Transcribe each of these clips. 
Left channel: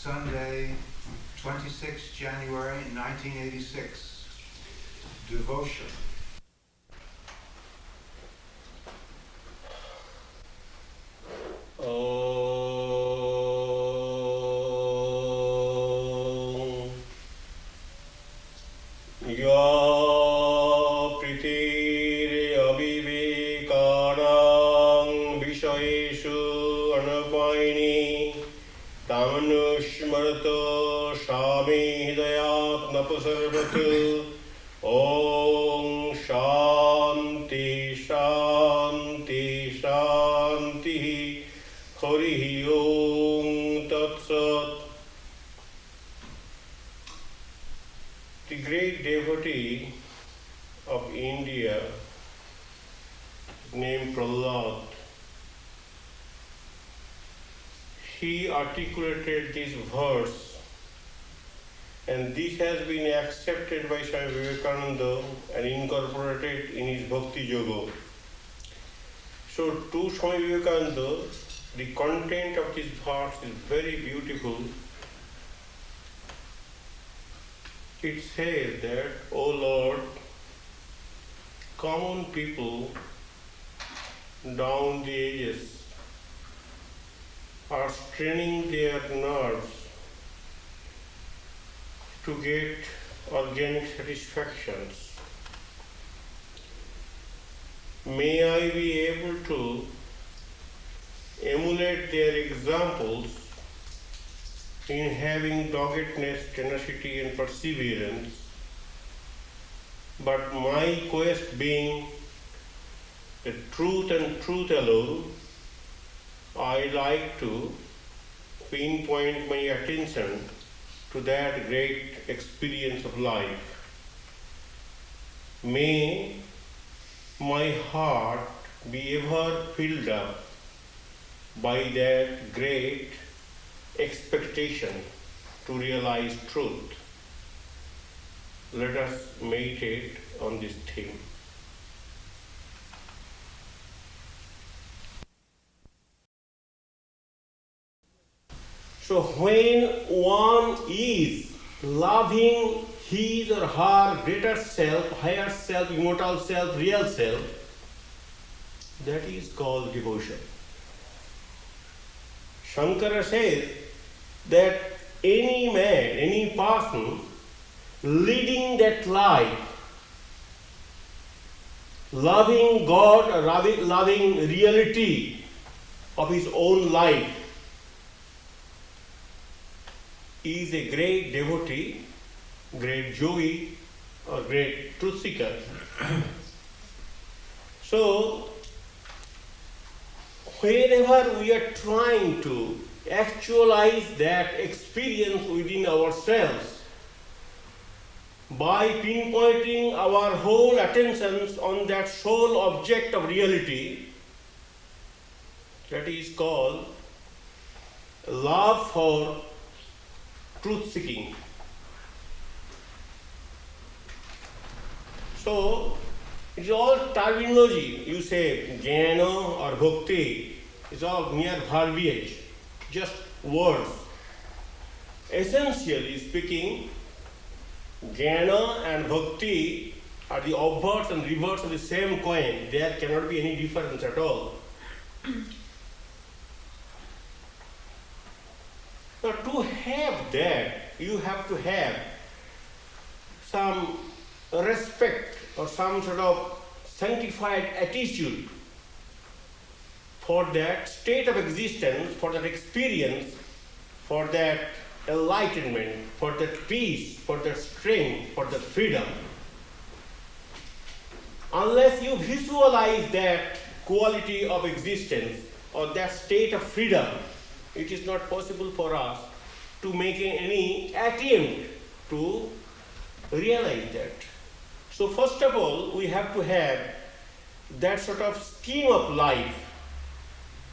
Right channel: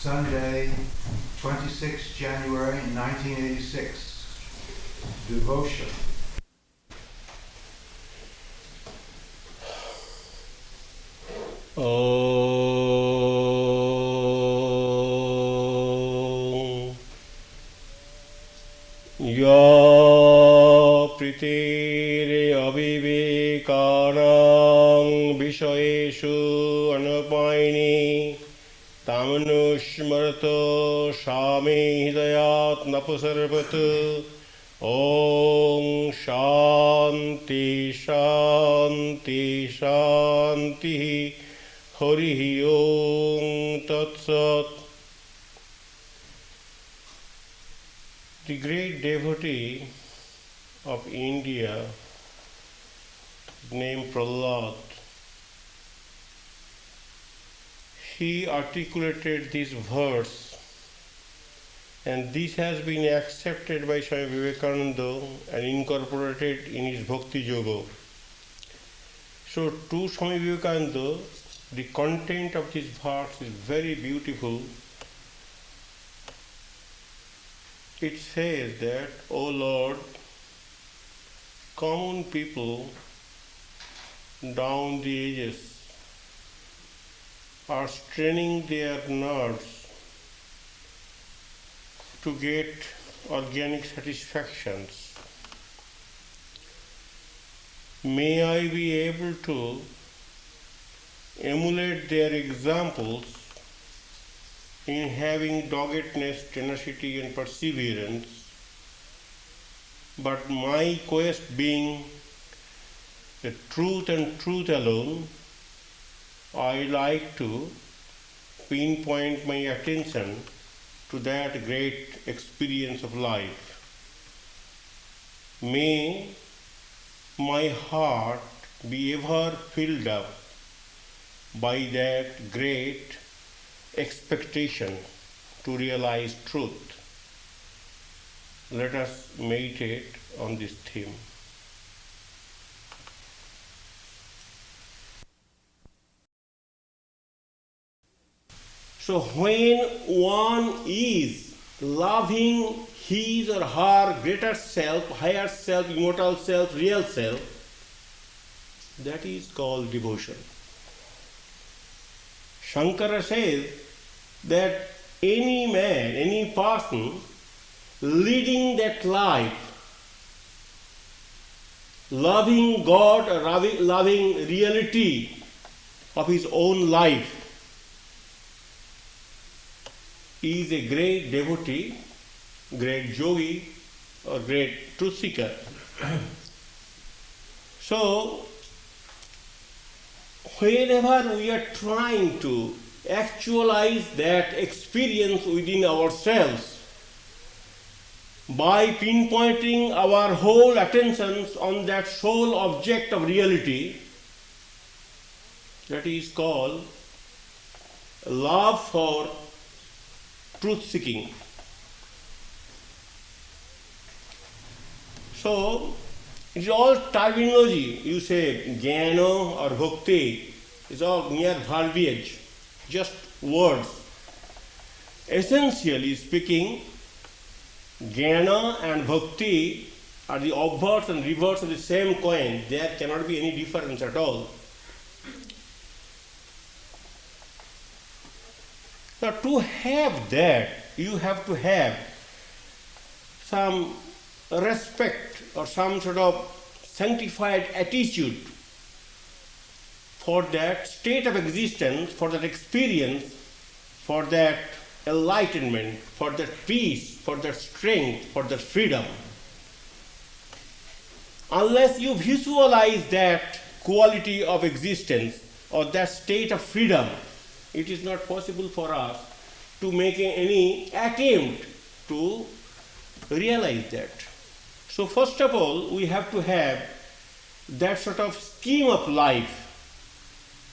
Sunday, 26 January 1986. Devotion. Ya pritir avivekarang vishayeshu anapaini tamanusmarata shami hidayat napasarvatu Om Shanti Shanti Shanti Hari Om Tat Sat. The great devotee of India, named Prahlad, he articulated this verse, and this has been accepted by Swami Virajananda and incorporated in his Bhakti Yoga. So to Swami Virajananda, the content of this verse is very beautiful. It says that, O Lord, common people down the ages are straining their nerves to get organic satisfactions. May I be able to emulate their examples in having doggedness, tenacity and perseverance, but my quest being the truth and truth alone, I like to pinpoint my attention to that great experience of life. May my heart be ever filled up by that great expectation to realize truth. Let us meditate on this theme. So when one is loving his or her greater self, higher self, immortal self, real self, that is called devotion. Shankara says that any man, any person leading that life, loving God or loving reality of his own life, is a great devotee, great yogi, or great truth seeker. So, whenever we are trying to actualize that experience within ourselves by pinpointing our whole attentions on that sole object of reality, that is called love for truth seeking. So, it's all terminology. You say jnana or bhakti, it's all mere verbiage, just words. Essentially speaking, jnana and bhakti are the obverse and reverse of the same coin. There cannot be any difference at all. Now, to have that, you have to have some respect or some sort of sanctified attitude for that state of existence, for that experience, for that enlightenment, for that peace, for that strength, for that freedom. Unless you visualize that quality of existence or that state of freedom, it is not possible for us to make any attempt to realize that. So first of all, we have to have that sort of scheme of life.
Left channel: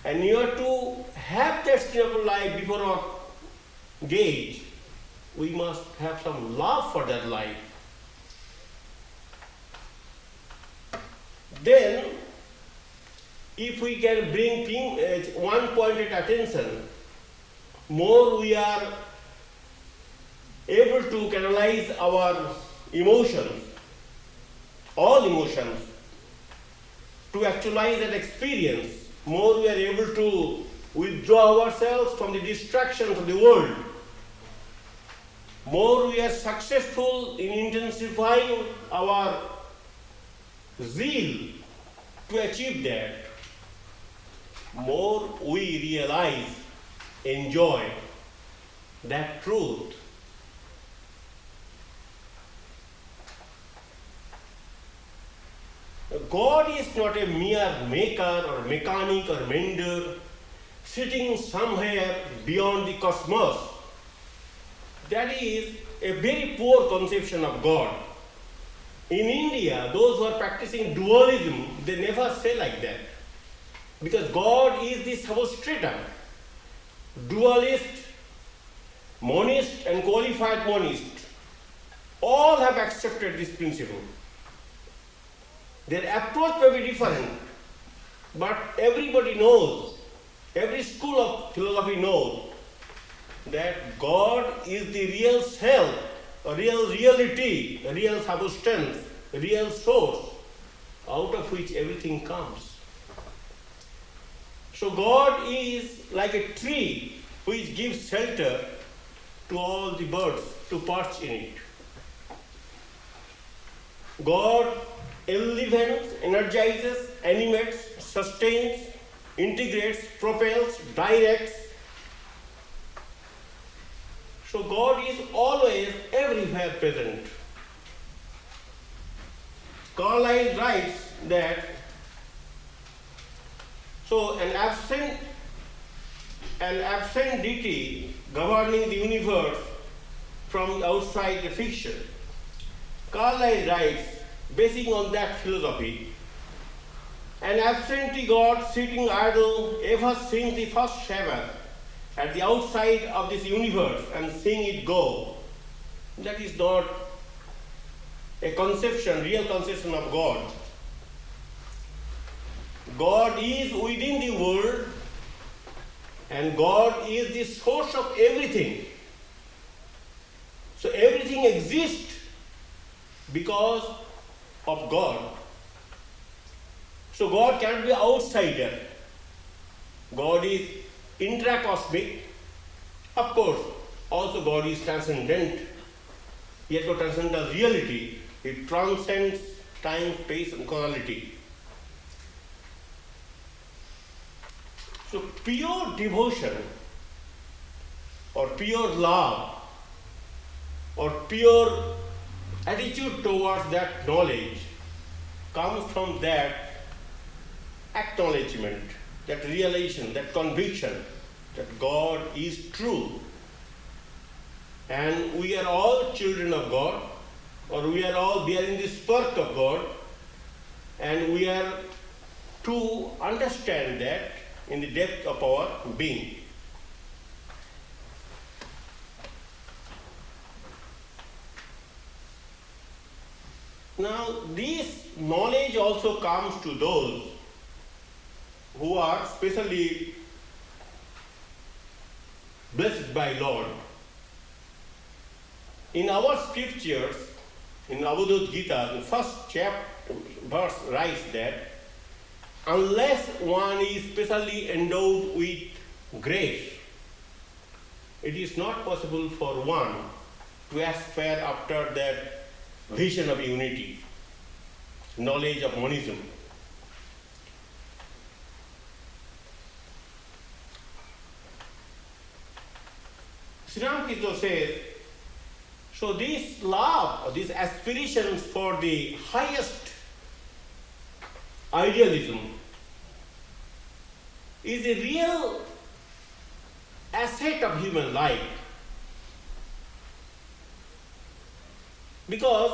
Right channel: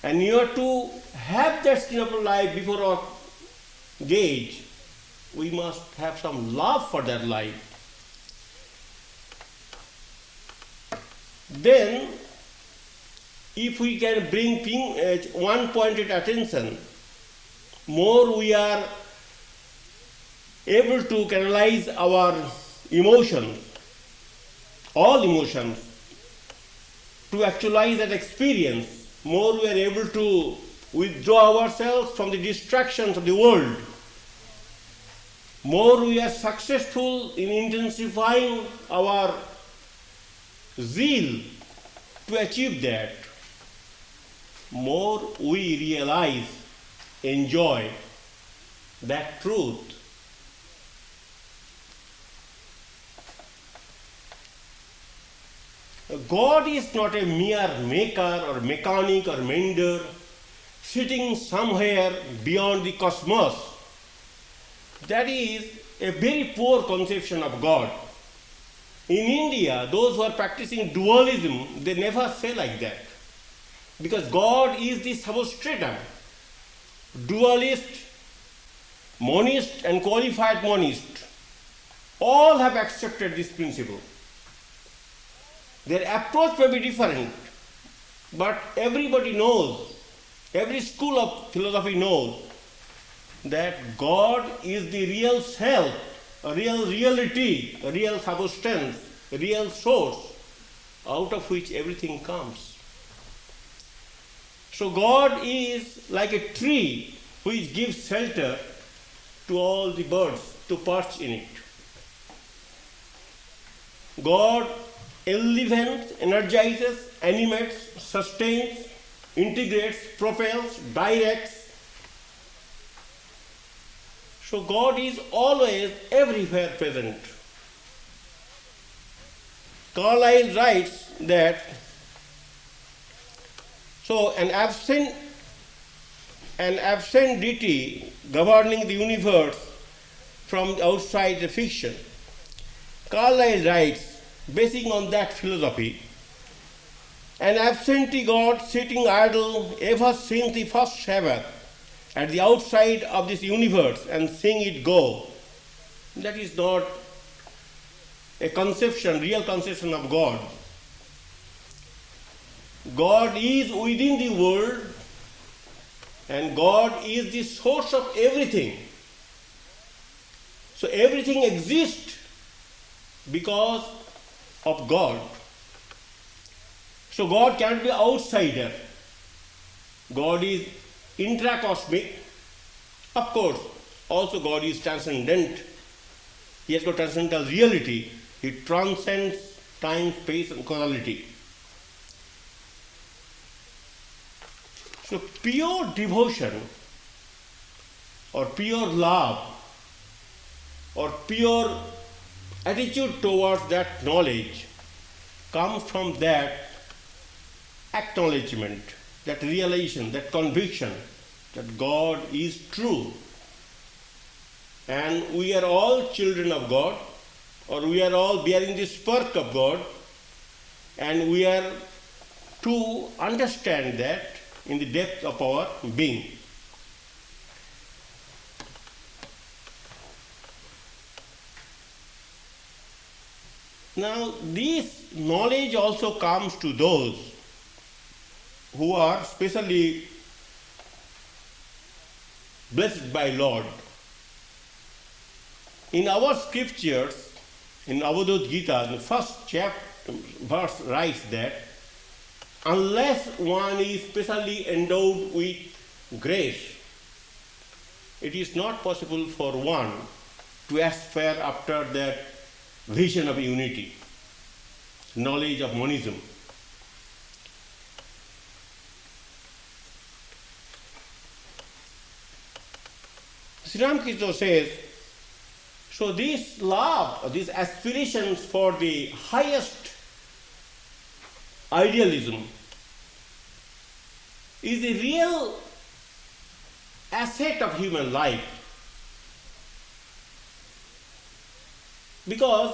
And you are to have that scheme of life before our gaze. We must have some love for that life. Then, if we can bring one-pointed attention, more we are able to canalize our emotions, all emotions, to actualize that experience, more we are able to withdraw ourselves from the distractions of the world, more we are successful in intensifying our zeal to achieve that, more we realize, enjoy that truth. God is not a mere maker or mechanic or mender sitting somewhere beyond the cosmos. That is a very poor conception of God. In India, those who are practicing dualism, they never say like that. Because God is the substratum. Dualist, monist and qualified monist all have accepted this principle. Their approach may be different, but everybody knows, every school of philosophy knows that God is the real self, a real reality, a real substance, a real source, out of which everything comes. So God is like a tree which gives shelter to all the birds to perch in it. God elevates, energizes, animates, sustains, integrates, propels, directs. So God is always everywhere present. Carlyle writes that an absent deity governing the universe from outside the fiction. Carlyle writes, basing on that philosophy, an absentee God sitting idle ever since the first Sabbath at the outside of this universe and seeing it go. That is not a conception, real conception of God. God is within the world and God is the source of everything. So everything exists because of God. So God can't be outsider. God is intracosmic. Of course, also God is transcendent. He has got transcendental reality. He transcends time, space, and causality. So pure devotion or pure love or pure attitude towards that knowledge comes from that acknowledgement, that realization, that conviction that God is true. And we are all children of God, or we are all bearing the spark of God, and we are to understand that in the depth of our being. Now, this knowledge also comes to those who are specially blessed by Lord. In our scriptures, in Avadut Gita, the first verse writes that unless one is specially endowed with grace, it is not possible for one to aspire after that vision of unity, knowledge of monism. Sri Ramakrishna says, so this love, or these aspirations for the highest idealism is a real asset of human life. Because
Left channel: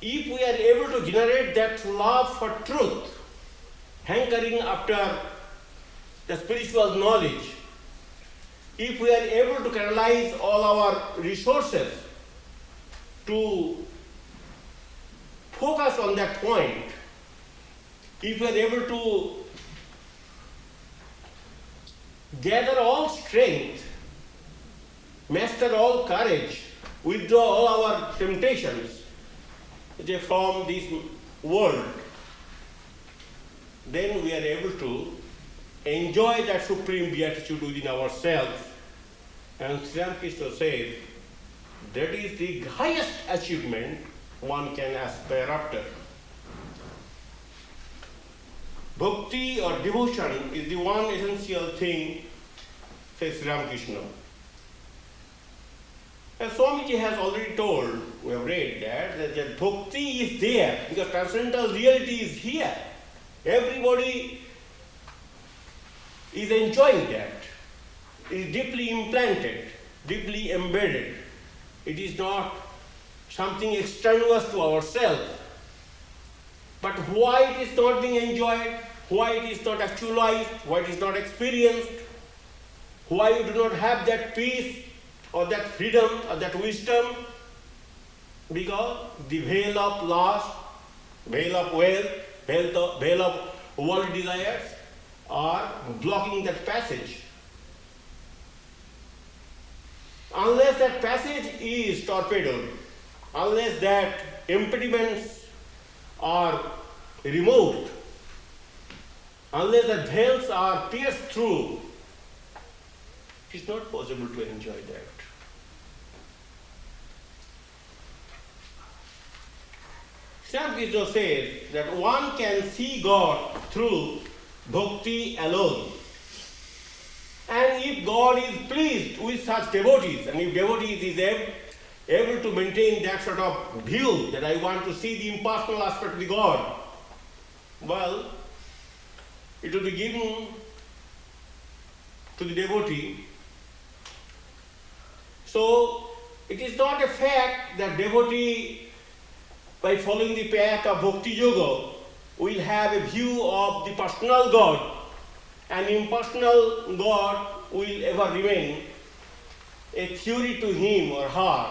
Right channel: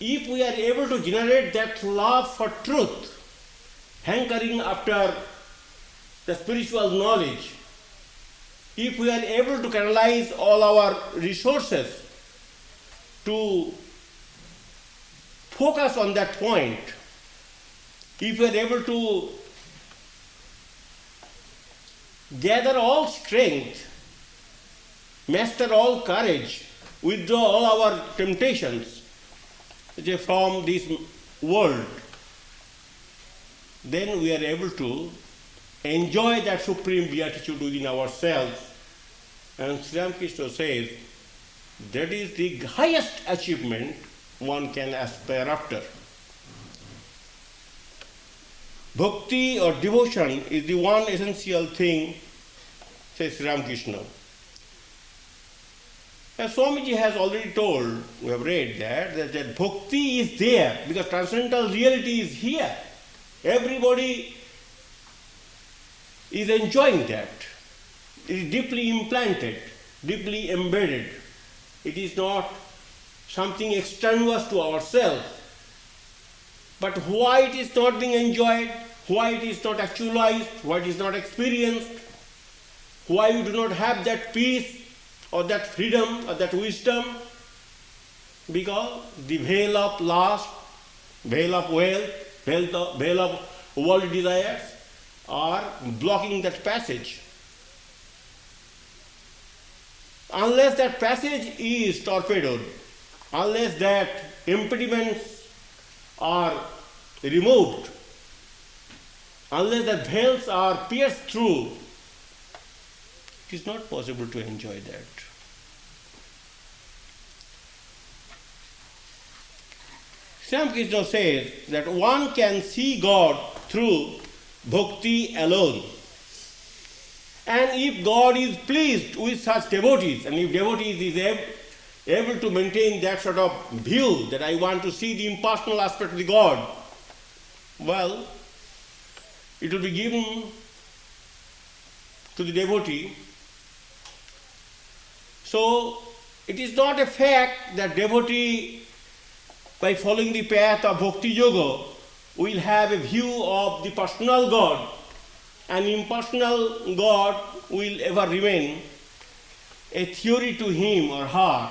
if we are able to generate that love for truth, hankering after the spiritual knowledge, if we are able to canalize all our resources to focus on that point, if we are able to gather all strength, master all courage, withdraw all our temptations from this world, then we are able to enjoy that supreme beatitude within ourselves. And Sri Ramakrishna says that is the highest achievement one can aspire after. Bhakti or devotion is the one essential thing, says Sri Ramakrishna. As Swamiji has already told, we have read that the bhakti is there because transcendental reality is here. Everybody is enjoying that. It is deeply implanted, deeply embedded. It is not something extraneous to ourselves. But why it is not being enjoyed, why it is not actualized, why it is not experienced, why we do not have that peace or that freedom or that wisdom? Because the veil of lust, veil of wealth, veil of worldly desires are blocking that passage. Unless that passage is torpedoed, unless that impediments are removed, unless the veils are pierced through, it is not possible to enjoy that. Sri Ramakrishna says that one can see God through bhakti alone. And if God is pleased with such devotees, and if devotees is able to maintain that sort of view that I want to see the impersonal aspect of the God, well, it will be given to the devotee. So, it is not a fact that devotee, by following the path of bhakti yoga, will have a view of the personal God, and impersonal God will ever remain a theory to him or her,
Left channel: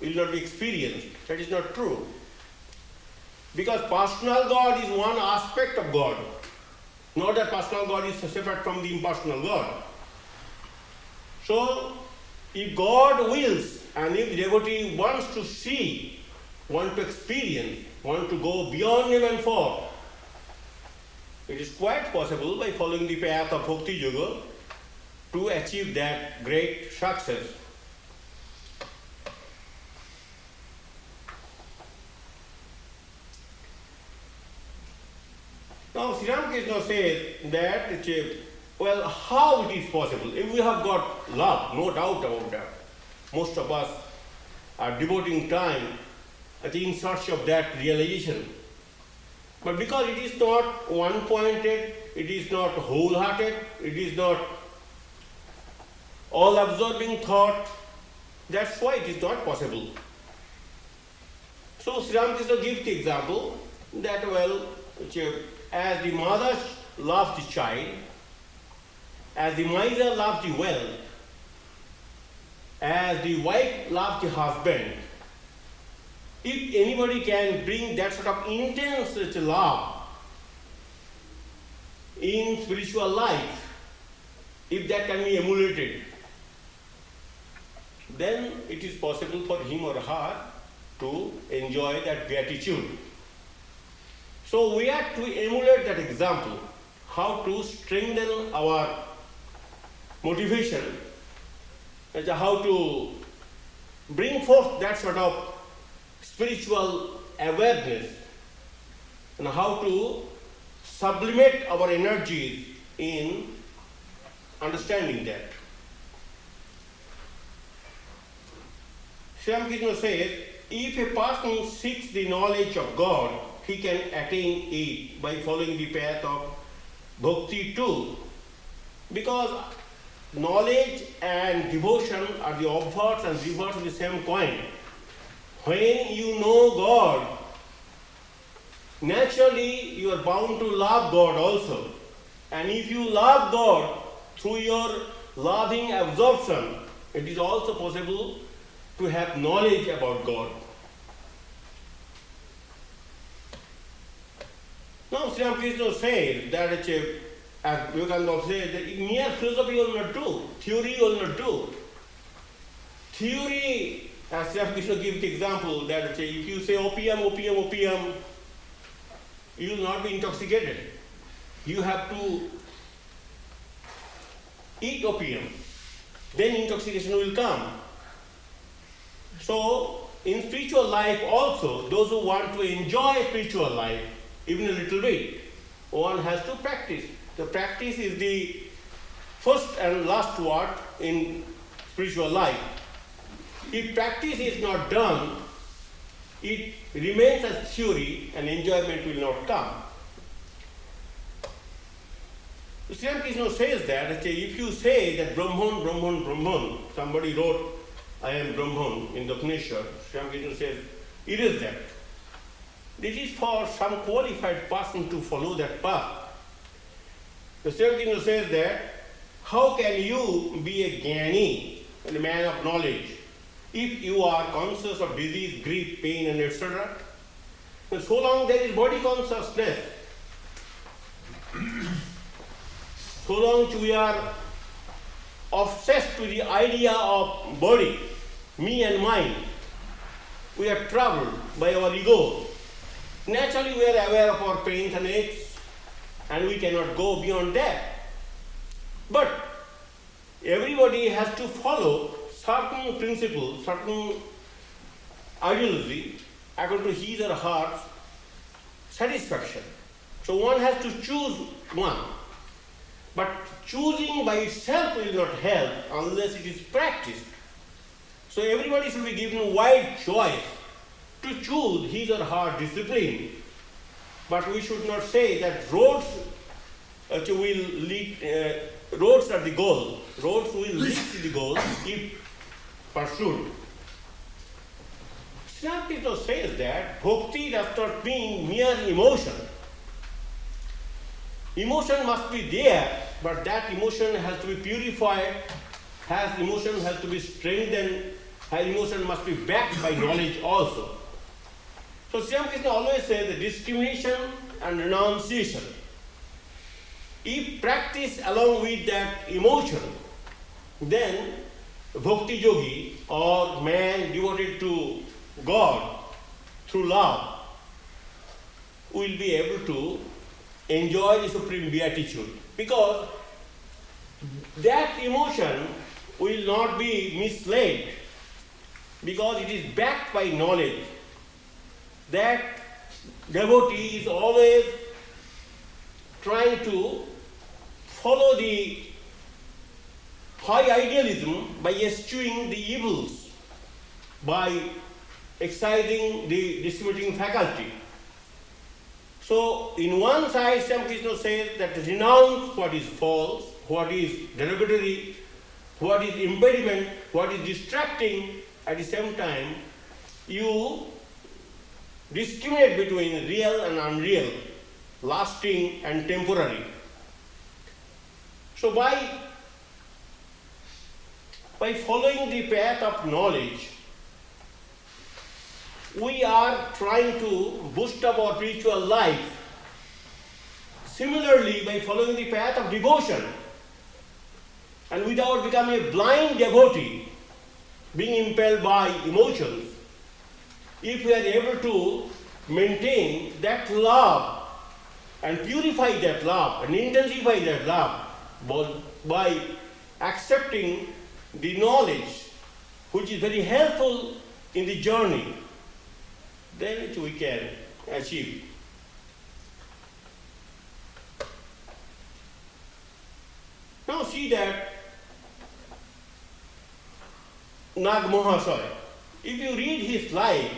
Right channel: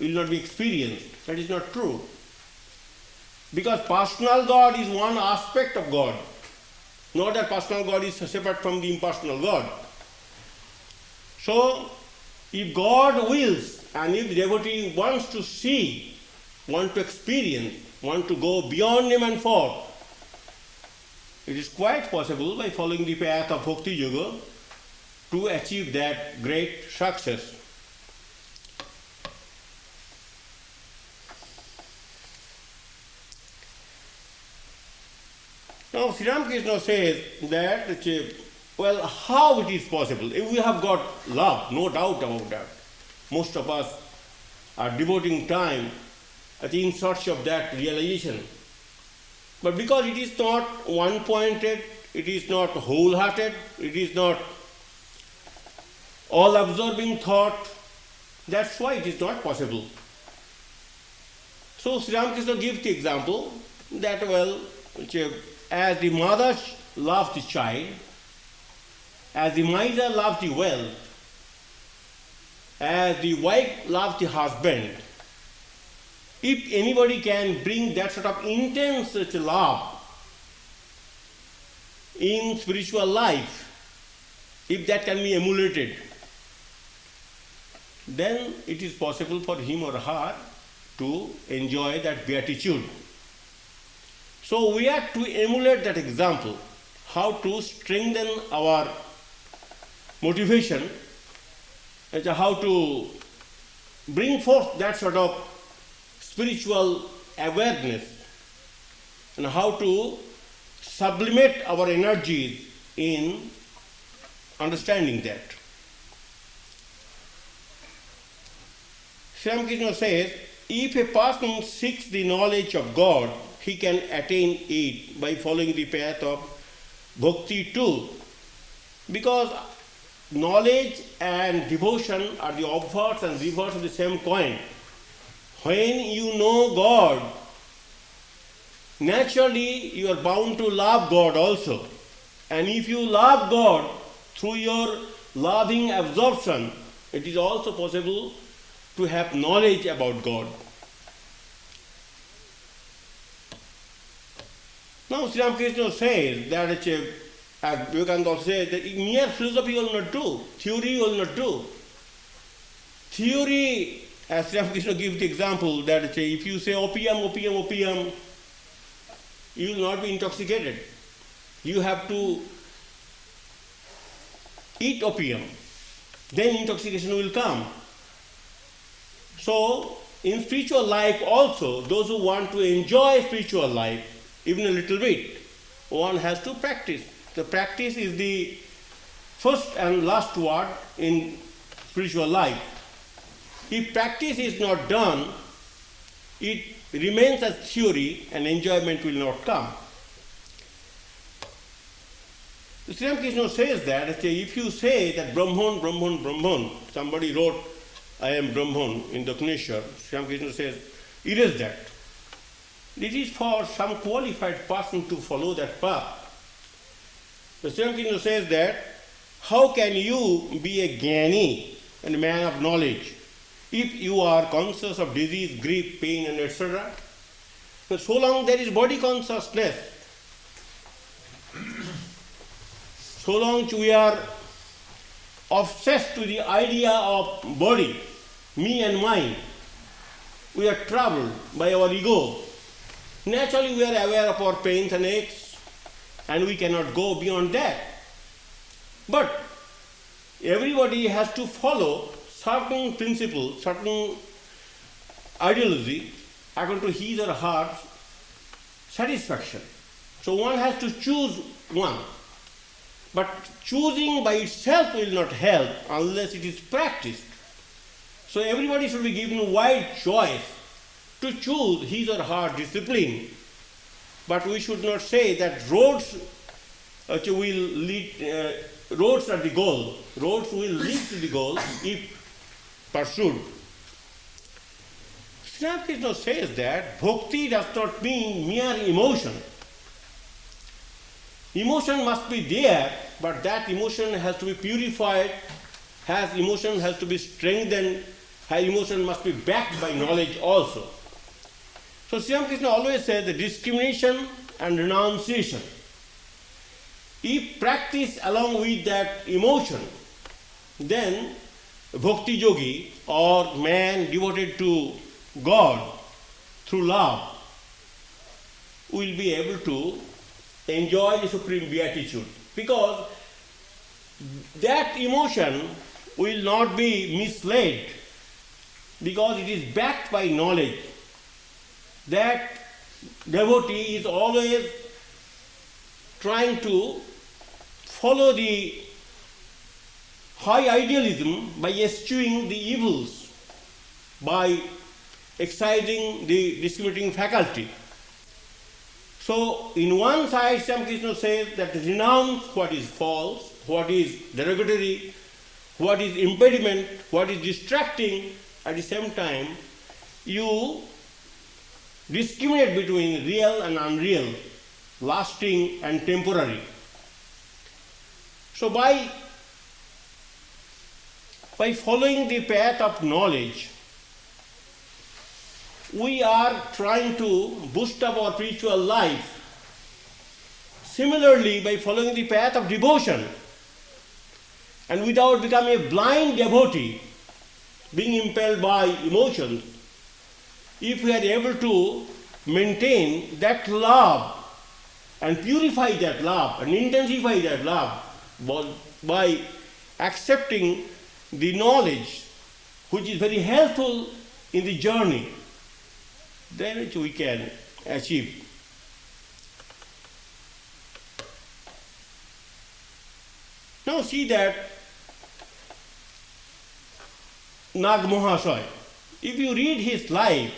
will not be experienced. That is not true. Because personal God is one aspect of God, not that personal God is separate from the impersonal God. So, if God wills, and if the devotee wants to see, want to experience, want to go beyond name and form, it is quite possible by following the path of Bhakti Yoga to achieve that great success. Now, Sri Ramakrishna says that, well, how it is possible? If we have got love, no doubt about that. Most of us are devoting time in search of that realization. But because it is not one-pointed, it is not wholehearted, it is not all-absorbing thought, that's why it is not possible. So Sri Ramakrishna gives the example that, well, as the mother loves the child, as the miser loves the wealth, as the wife loves the husband, if anybody can bring that sort of intense love in spiritual life, if that can be emulated, then it is possible for him or her to enjoy that beatitude. So we have to emulate that example, how to strengthen our motivation, how to bring forth that sort of spiritual awareness, and how to sublimate our energies in understanding that. Sri Ramakrishna says, if a person seeks the knowledge of God, he can attain it by following the path of bhakti too. Because knowledge and devotion are the opposites and reverse of the same coin. When you know God, naturally you are bound to love God also. And if you love God through your loving absorption, it is also possible to have knowledge about God. Now Sri Ramakrishna says that, as Vivekananda says, that mere philosophy will not do, theory will not do. Theory as Ramakrishna gives the example that if you say opium, opium, opium, you will not be intoxicated. You have to eat opium, then intoxication will come. So, in spiritual life also, those who want to enjoy spiritual life, even a little bit, one has to practice. The practice is the first and last word in spiritual life. If practice is not done, it remains as theory and enjoyment will not come. Sri Ramakrishna says that if you say that Brahman, Brahman, Brahman, somebody wrote, I am Brahman in the Upanishad, Sri Ramakrishna says, it is that. It is for some qualified person to follow that path. The Sri Ramakrishna says that, how can you be a jnani and a man of knowledge if you are conscious of disease, grief, pain, and etc.? And so long there is body consciousness, so long we are obsessed to the idea of body, me and mine, we are troubled by our ego. Naturally we are aware of our pains and aches, and we cannot go beyond that. But everybody has to follow certain principles, certain ideology, according to his or her satisfaction. So one has to choose one. But choosing by itself will not help unless it is practiced. So everybody should be given a wide choice to choose his or her discipline. But we should not say that roads will lead, roads are the goal. Roads will lead to the goal if pursued. Sri Ramakrishna says that bhakti does not mean mere emotion. Emotion must be there, but that emotion has to be purified, emotion has to be strengthened, emotion must be backed by knowledge also. So Sri Ramakrishna always says the discrimination and renunciation. If practiced along with that emotion, then bhakti yogi or man devoted to God through love will be able to enjoy the supreme beatitude, because that emotion will not be misled, because it is backed by knowledge. That devotee is always trying to follow the high idealism by eschewing the evils, by exciting the discriminating faculty. So, in one side, Sri Ramakrishna says that renounce what is false, what is derogatory, what is impediment, what is distracting. At the same time, you discriminate between real and unreal, lasting and temporary. So, by following the path of knowledge, we are trying to boost up our spiritual life. Similarly, by following the path of devotion, and without becoming a blind devotee, being impelled by emotions, if we are able to maintain that love and purify that love and intensify that love by accepting the knowledge which is very helpful in the journey, then we can achieve. Now see that Nag Mahasaya, if you read his life,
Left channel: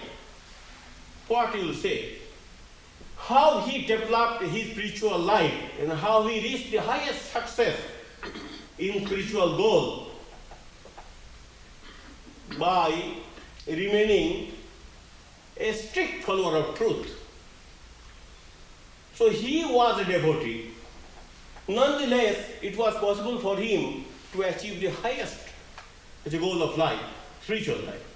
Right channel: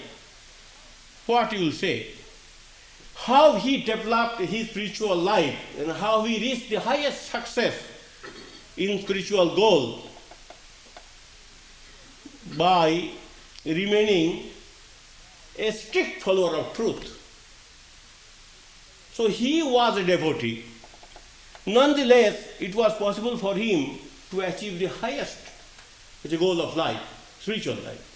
what you will say? How he developed his spiritual life and how he reached the highest success in spiritual goal by remaining a strict follower of truth. So he was a devotee. Nonetheless, it was possible for him to achieve the highest goal of life, spiritual life.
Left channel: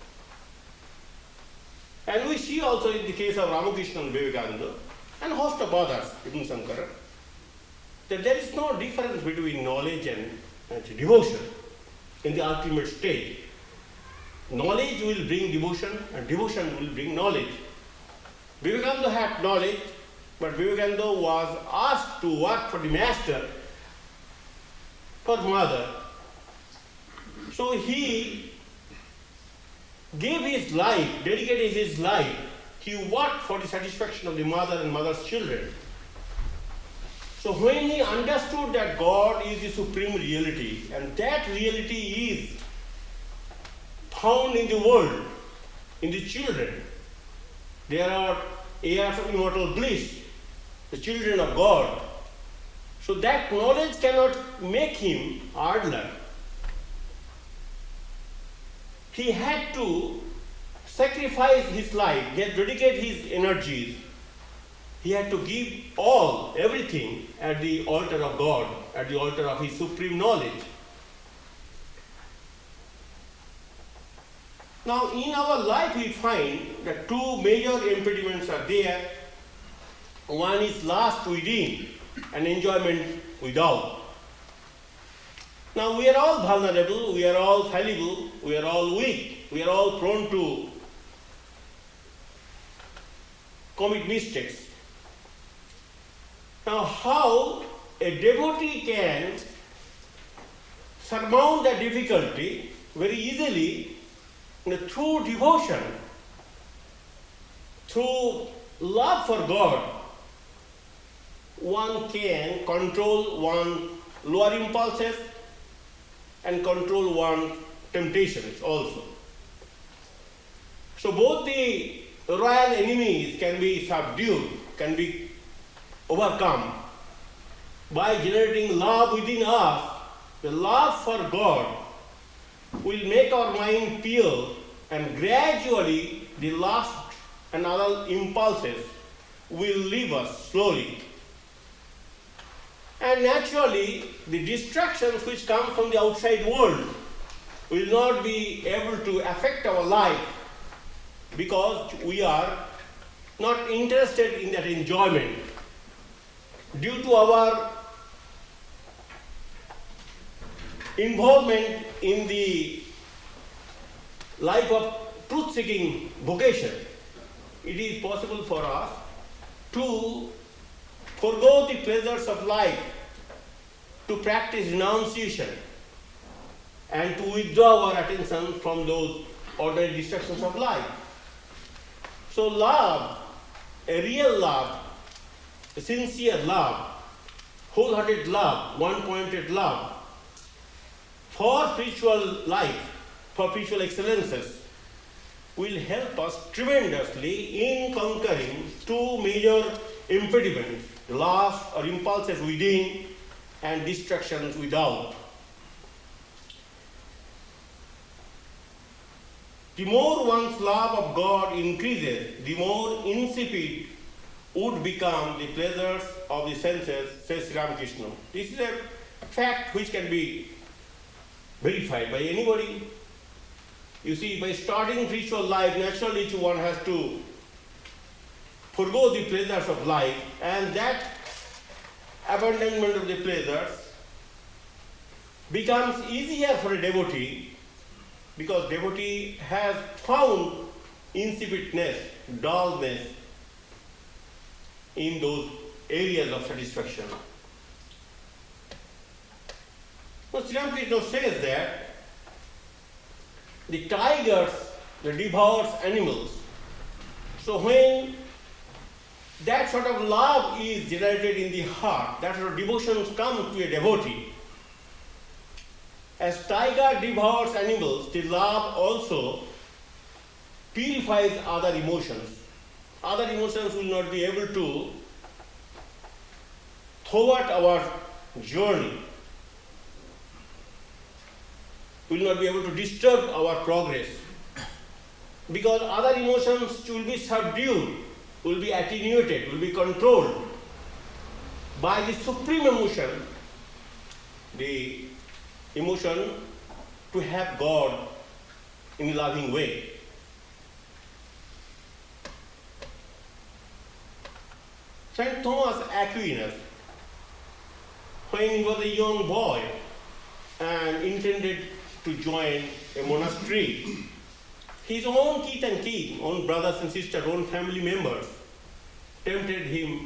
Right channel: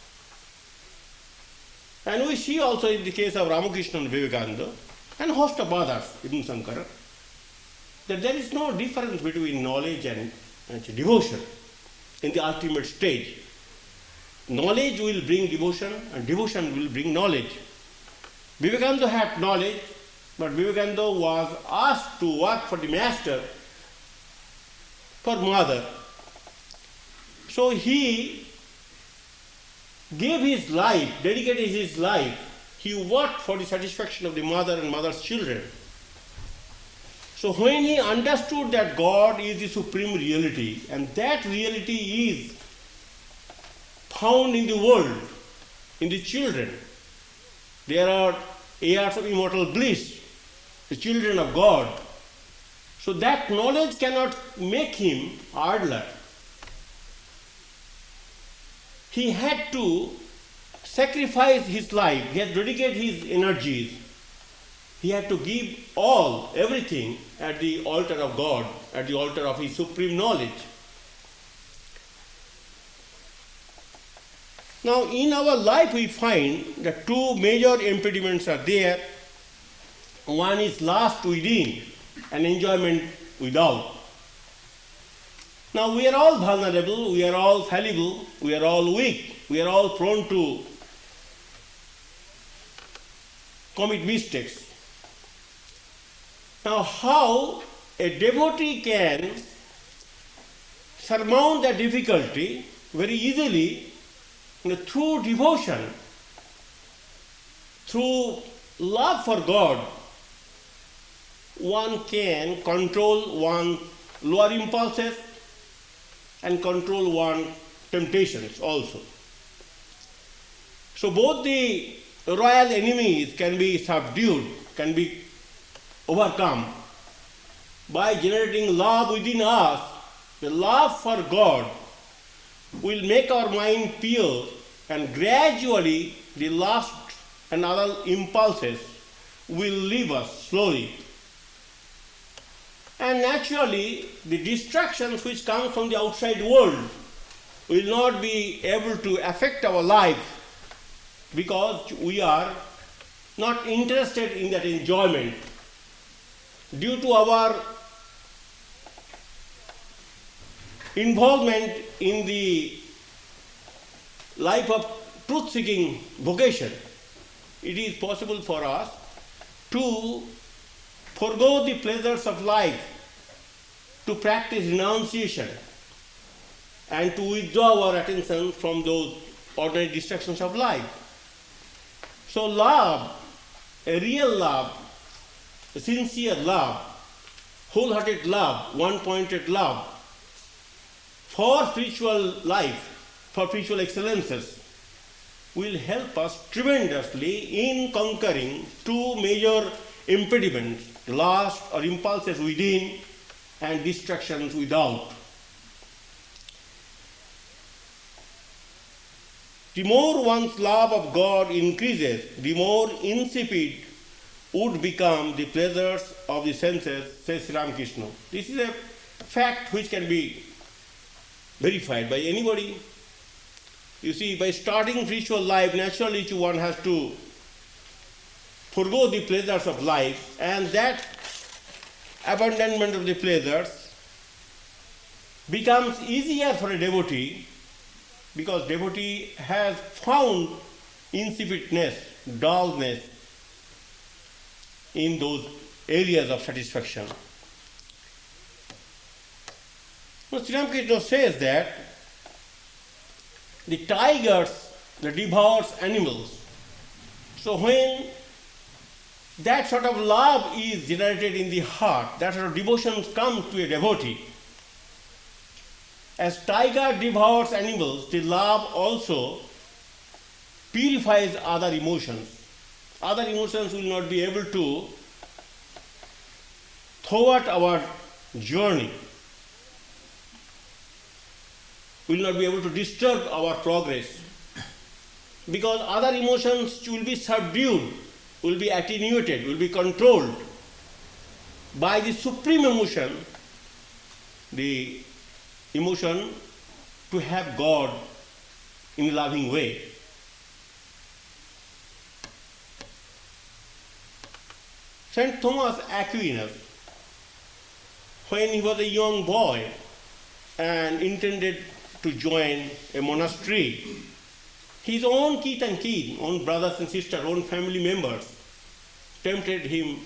And we see also in the case of Ramakrishna and Vivekananda and a host of others, even Sankara, that there is no difference between knowledge and devotion in the ultimate stage. knowledge will bring devotion and devotion will bring knowledge. Vivekananda had knowledge, but Vivekananda was asked to work for the master, for mother. So he gave his life, dedicated his life. He worked for the satisfaction of the mother and mother's children. So when he understood that God is the supreme reality, and that reality is found in the world, in the children, there are heirs of immortal bliss, the children of God. So that knowledge cannot make him idler. He had to sacrifice his life, he had to dedicate his energies, he had to give all, everything at the altar of God, at the altar of his supreme knowledge. Now, in our life, we find that two major impediments are there. One is lust within and enjoyment without. Now, we are all vulnerable, we are all fallible, we are all weak, we are all prone to commit mistakes. Now, how a devotee can surmount that difficulty very easily? Through devotion, through love for God, one can control one's lower impulses and control one's temptations also. So both the royal enemies can be subdued, can be overcome by generating love within us. The love for God will make our mind pure, and gradually the lust and other impulses will leave us slowly. And naturally, the distractions which come from the outside world will not be able to affect our life because we are not interested in that enjoyment. Due to our involvement in the life of truth-seeking vocation, it is possible for us to forego the pleasures of life, to practice renunciation, and to withdraw our attention from those ordinary distractions of life. So love, a real love, a sincere love, wholehearted love, one-pointed love, for spiritual life, for spiritual excellences, will help us tremendously in conquering two major impediments, lust or impulses within and distractions without. The more one's love of God increases, the more insipid would become the pleasures of the senses, says Ramakrishna. This is a fact which can be verified by anybody. You see, by starting spiritual life, naturally one has to forego the pleasures of life, and that abandonment of the pleasures becomes easier for a devotee because devotee has found insipidness, dullness in those areas of satisfaction. Well, Sri Ramakrishna says that the tigers, the devours animals. So when that sort of love is generated in the heart, that sort of devotion comes to a devotee. As tiger devours animals, the love also purifies other emotions. Other emotions will not be able to thwart our journey, will not be able to disturb our progress, because other emotions will be subdued, will be attenuated, will be controlled by the supreme emotion, the emotion to have God in a loving way. Saint Thomas Aquinas, when he was a young boy and intended to join a monastery, his own kith and kin, own brothers and sisters, own family members tempted him.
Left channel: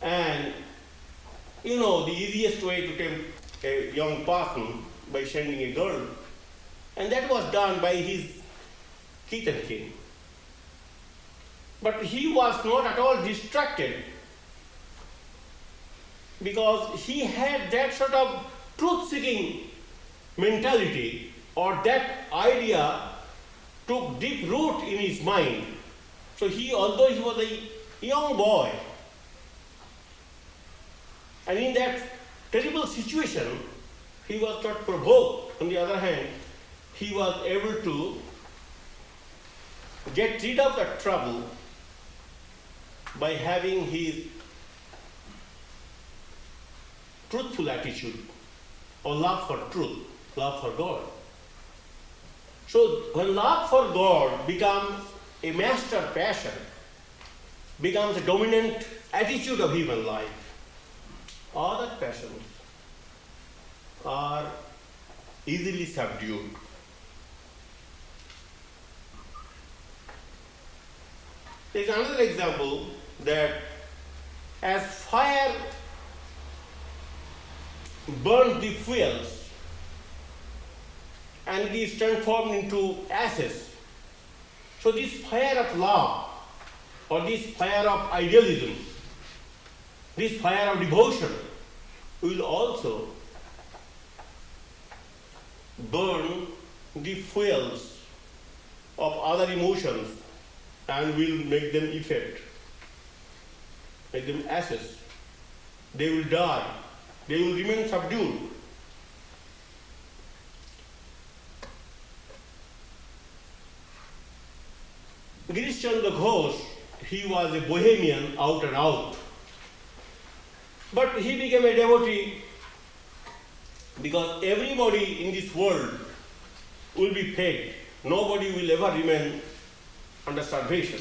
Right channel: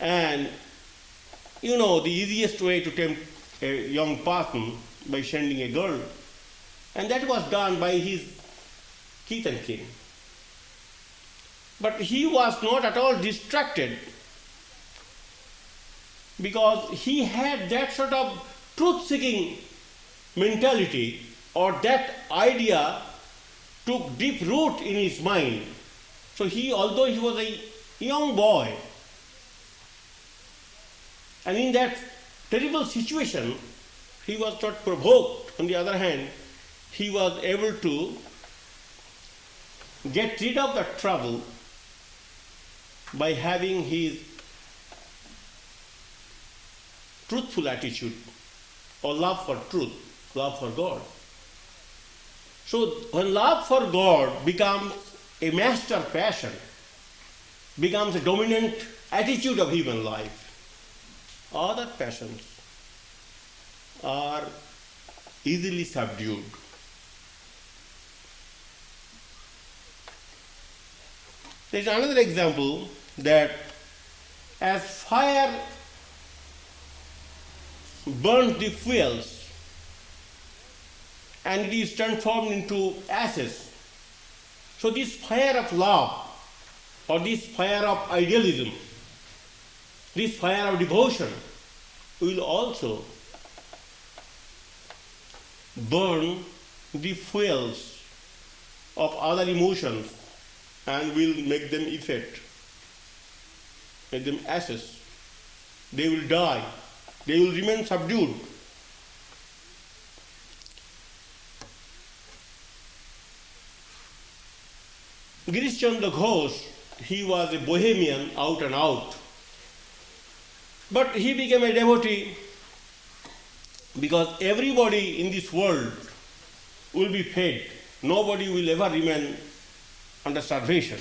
And you know the easiest way to tempt a young person by sending a girl. And that was done by his kith and kin. But he was not at all distracted, because he had that sort of truth-seeking mentality, or that idea took deep root in his mind. So he, although he was a young boy, and in that terrible situation, he was not provoked. On the other hand, he was able to get rid of that trouble by having his truthful attitude, or love for truth, love for God. So when love for God becomes a master passion, becomes a dominant attitude of human life, other passions are easily subdued. There is another example that as fire burns the fuels and it is transformed into ashes, so this fire of love, or this fire of idealism, this fire of devotion will also burn the fuels of other emotions and will make them effete, make them ashes. They will die. They will remain subdued. Girish Chandra Ghosh, he was a bohemian out and out. But he became a devotee because everybody in this world will be fed. Nobody will ever remain under starvation.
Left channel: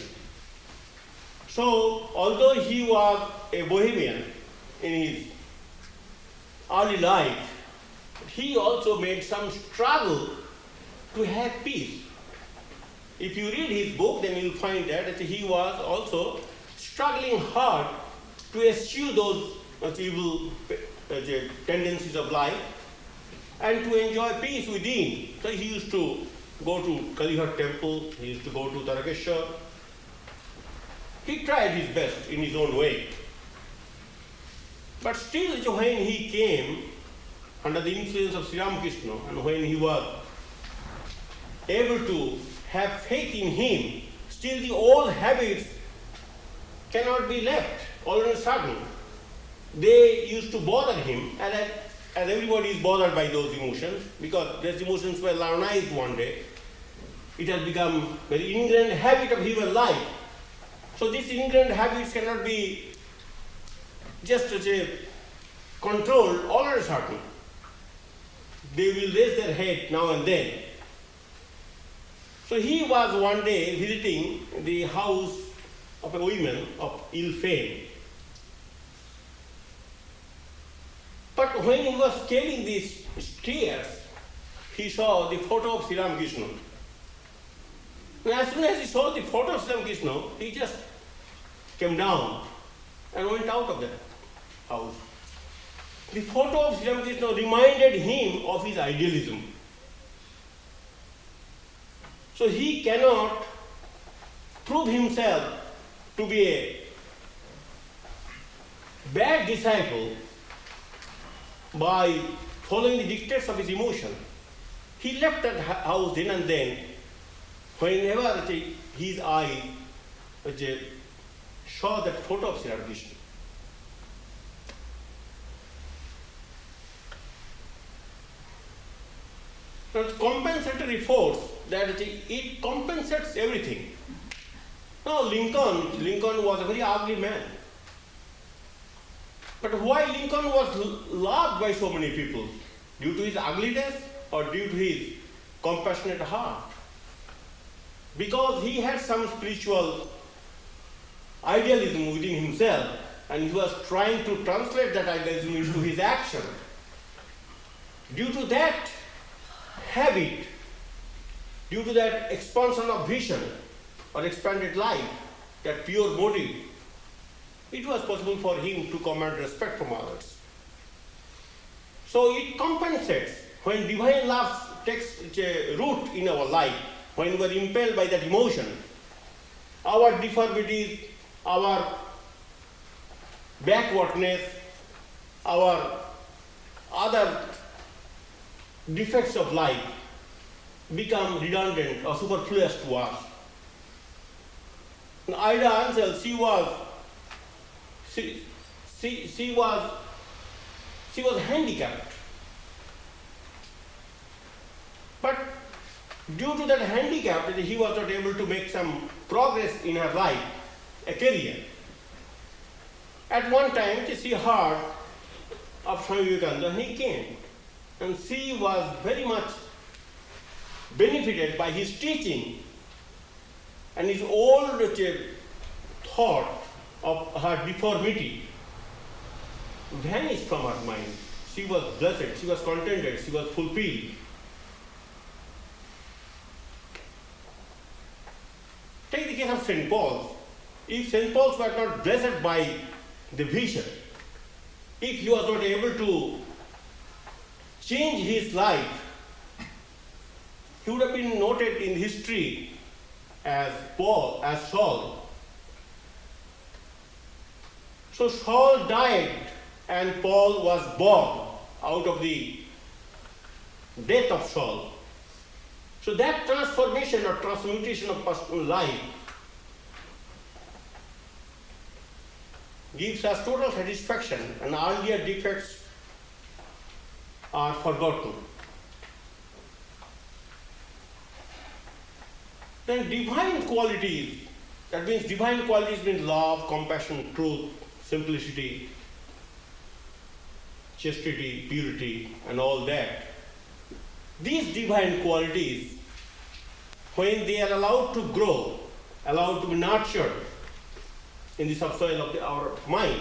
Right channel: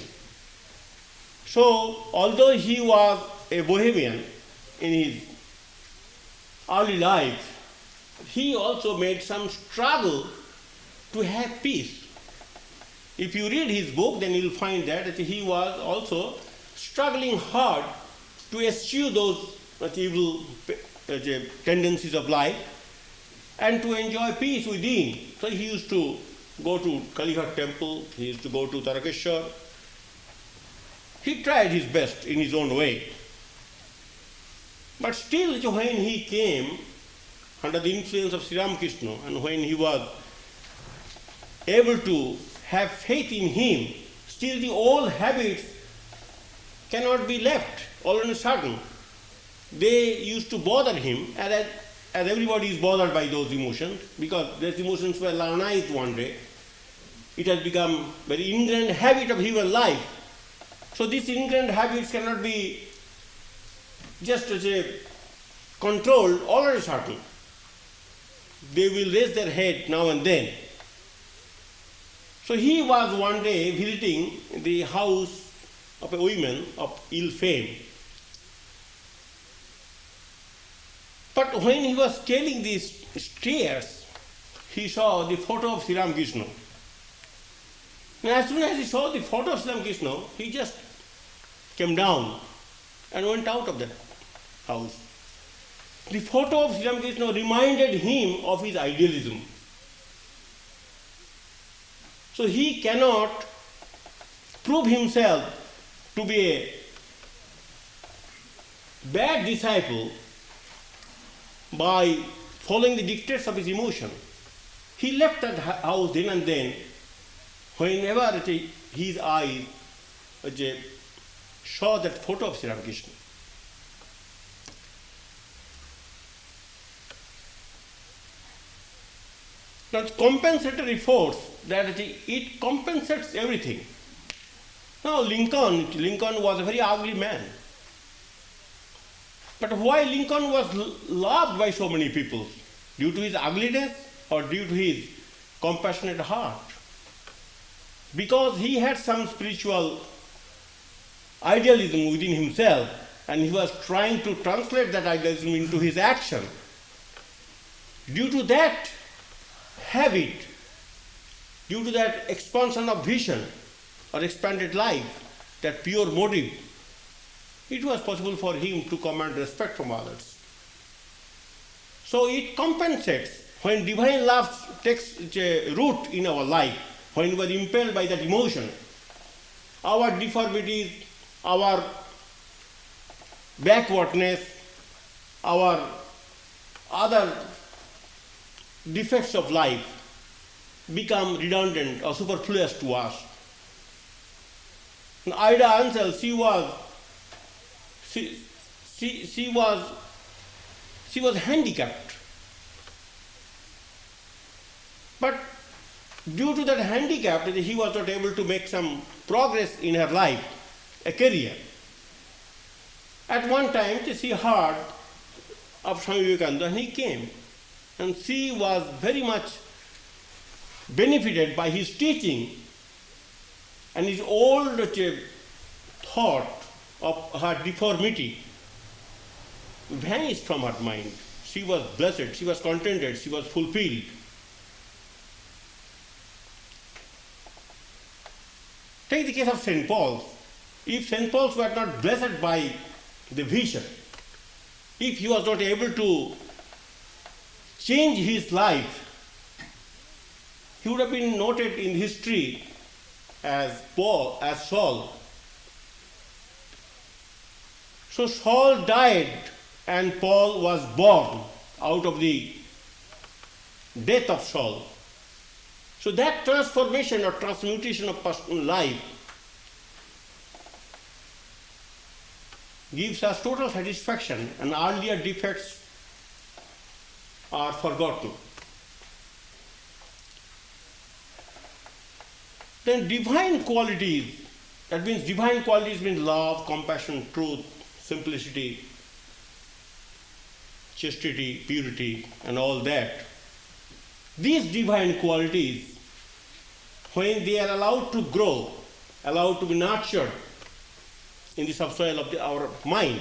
So, although he was a bohemian in his early life, he also made some struggle to have peace. If you read his book, then you'll find that he was also struggling hard to eschew those evil tendencies of life and to enjoy peace within. So he used to go to Kalighat temple, he used to go to Tarakeshwar. He tried his best in his own way. But still, when he came under the influence of Sri Ramakrishna, and when he was able to have faith in him, still the old habits cannot be left all of a sudden. They used to bother him, as everybody is bothered by those emotions, because those emotions were lionized one day. It has become a very ingrained habit of human life. So these ingrained habits cannot be just controlled all of a sudden. They will raise their head now and then. So he was one day visiting the house of a woman of ill fame. But when he was scaling these stairs, he saw the photo of Sri Ramakrishna. And as soon as he saw the photo of Sri Ramakrishna, he just came down and went out of that house. The photo of Sri Ramakrishna reminded him of his idealism. So he cannot prove himself to be a bad disciple by following the dictates of his emotion. He left that house then and then, whenever his eyes saw that photo of Sri Ramakrishna. Now, compensatory force, that it compensates everything. Now, Lincoln was a very ugly man. But why Lincoln was loved by so many people? Due to his ugliness or due to his compassionate heart? Because he had some spiritual idealism within himself, and he was trying to translate that idealism into his action. Due to that habit, due to that expansion of vision or expanded life, that pure motive, it was possible for him to command respect from others. So it compensates when divine love takes root in our life, when we are impelled by that emotion. Our deformities, our backwardness, our other defects of life become redundant or superfluous to us. Ida Ansel, she was handicapped. But due to that handicap, he was not able to make some progress in her life, a career. At one time, she heard of Swami Vivekananda and he came. And she was very much benefited by his teaching, and his old thought of her deformity vanished from her mind. She was blessed, she was contented, she was fulfilled. Take the case of St. Paul's. If St. Paul's were not blessed by the vision, if he was not able to change his life, he would have been noted in history as Saul. So Saul died and Paul was born out of the death of Saul. So that transformation or transmutation of personal life gives us total satisfaction, and earlier defects are forgotten. Then divine qualities, that means divine qualities mean love, compassion, truth, simplicity, chastity, purity, and all that. These divine qualities, when they are allowed to grow, allowed to be nurtured in the subsoil of our mind,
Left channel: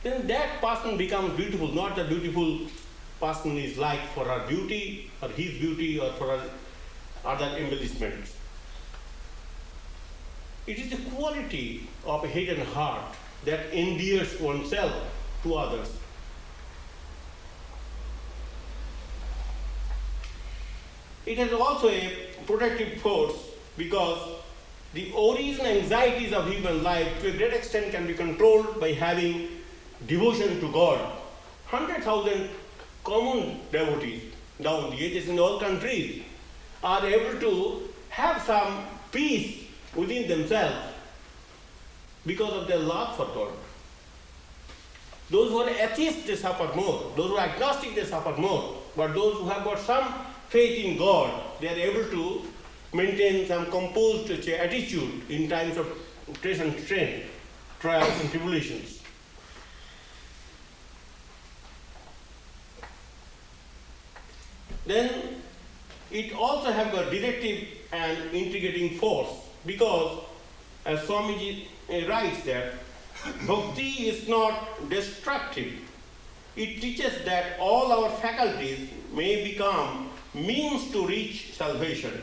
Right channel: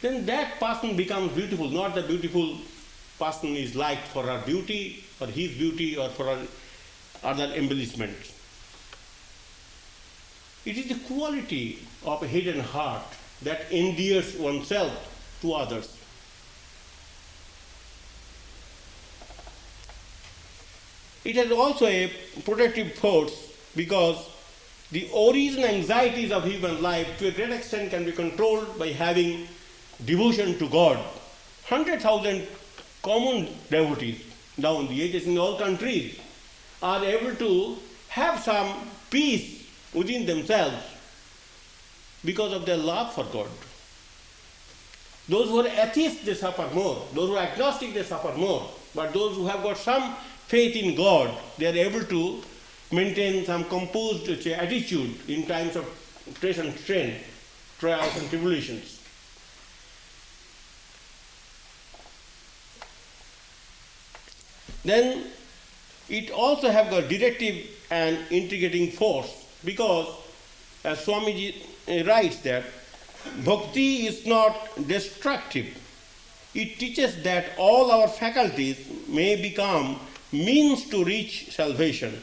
then that person becomes beautiful, not the beautiful person is liked for her beauty, or his beauty, or for other embellishments. It is the quality of a hidden heart that endears oneself to others. It has also a protective force, because the origin anxieties of human life to a great extent can be controlled by having devotion to God. 100,000 common devotees down the ages in all countries are able to have some peace within themselves because of their love for God. Those who are atheists, they suffer more. Those who are agnostic, they suffer more. But those who have got some faith in God, they are able to maintain some composed attitude in times of stress and strain, trials and tribulations. Then it also have a directive and integrating force, because as Swamiji writes that bhakti is not destructive. It teaches that all our faculties may become means to reach salvation.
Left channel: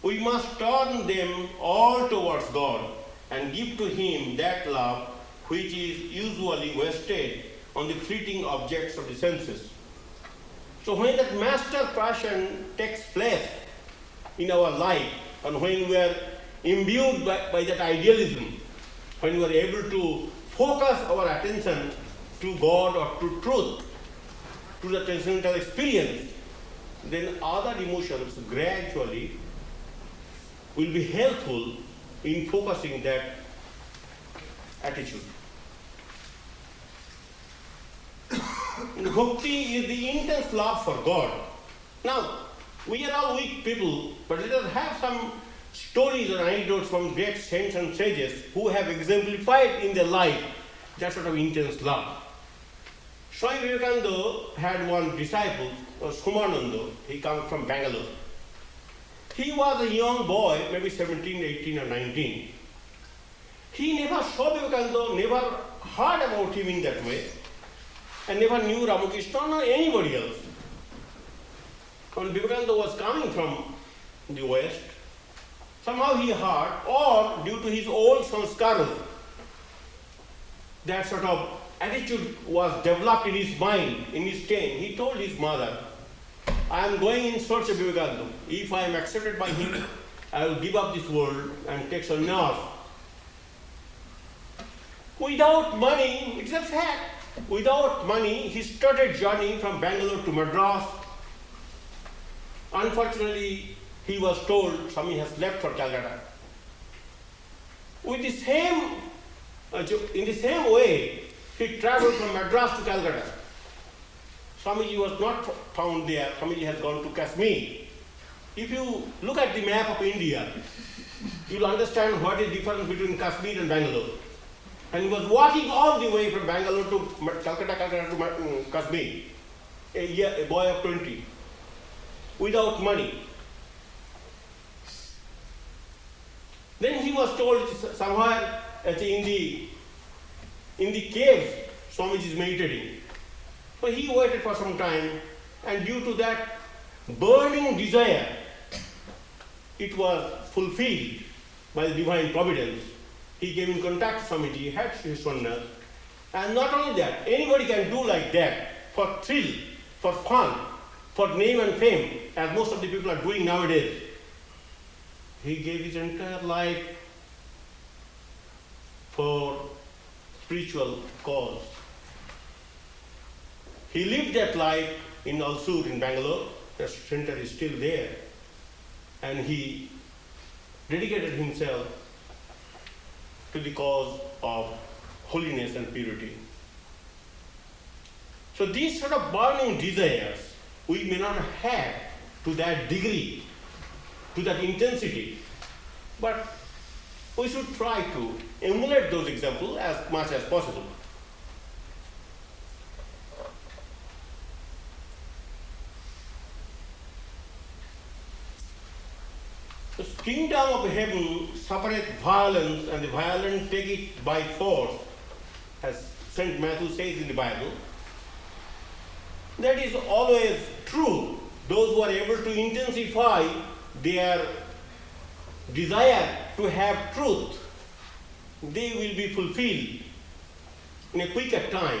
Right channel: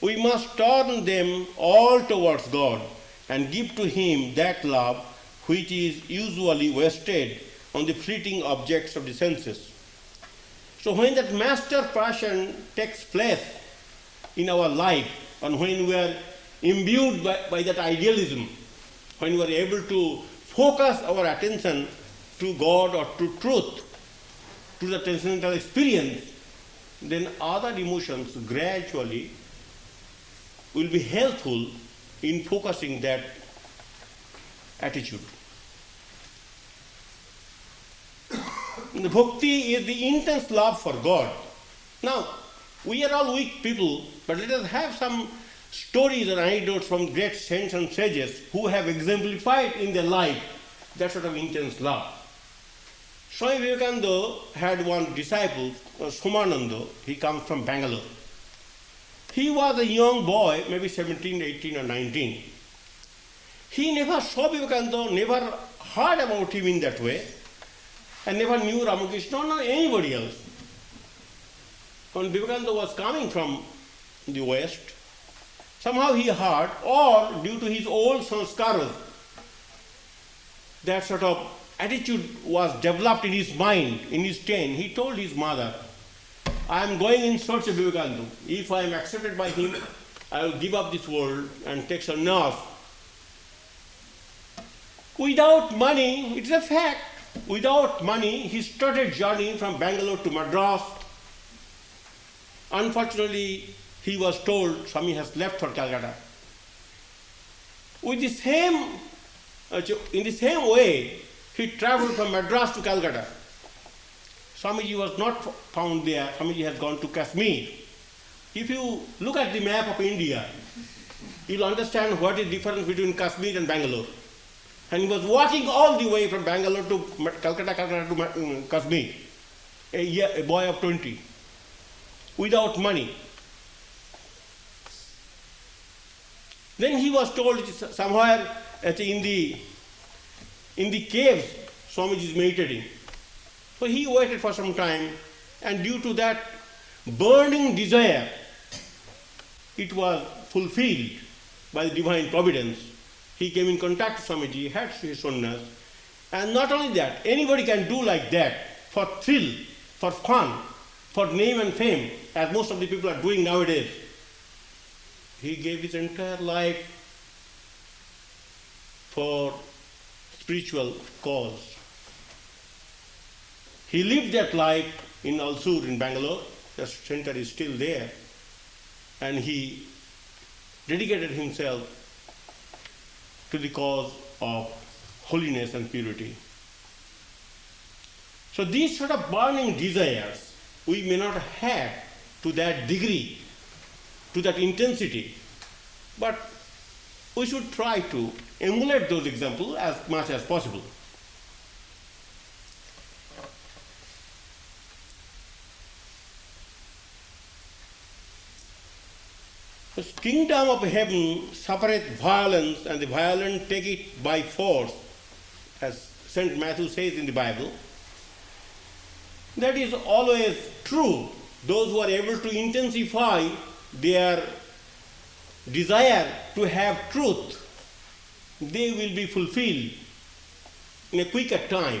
We must turn them all towards God and give to Him that love which is usually wasted on the fleeting objects of the senses. So when that master passion takes place in our life, and when we are imbued by that idealism, when we are able to focus our attention to God or to truth, to the transcendental experience, then other emotions gradually will be helpful in focusing that attitude. Bhakti is the intense love for God. Now, we are all weak people, but let us have some stories or anecdotes from great saints and sages who have exemplified in their life that sort of intense love. Swami Virajananda had one disciple, Somananda. He comes from Bangalore. He was a young boy, maybe 17, 18 or 19. He never saw Vivekananda, never heard about him in that way, and never knew Ramakrishna or anybody else. When Vivekananda was coming from in the West. Somehow he heard, or due to his old sanskaras, that sort of attitude was developed in his mind, in his brain. He told his mother, I am going in search of Vivekananda. If I am accepted by him, I will give up this world and take sannyas. Without money, it's a fact, without money, he started journey from Bangalore to Madras. Unfortunately, he was told Swami has left for Calcutta. With the same, in the same way, he traveled from Madras to Calcutta. Swamiji was not found there. Swamiji has gone to Kashmir. If you look at the map of India, you'll understand what is the difference between Kashmir and Bangalore. And he was walking all the way from Bangalore to Calcutta to Kashmir, a boy of 20, without money. Then he was told somewhere in the caves Swamiji is meditating. So he waited for some time, and due to that burning desire, it was fulfilled by the divine providence. He came in contact with Swamiji, had his sannyas, and not only that, anybody can do like that for thrill, for fun, for name and fame, as most of the people are doing nowadays. He gave his entire life for spiritual cause. He lived that life in Alsur in Bangalore. The center is still there. And he dedicated himself to the cause of holiness and purity. So these sort of burning desires we may not have to that degree, to that intensity, but we should try to emulate those examples as much as possible. The kingdom of heaven suffereth violence, and the violent take it by force, as St. Matthew says in the Bible. That is always true. Those who are able to intensify their desire to have truth, they will be fulfilled in a quicker time.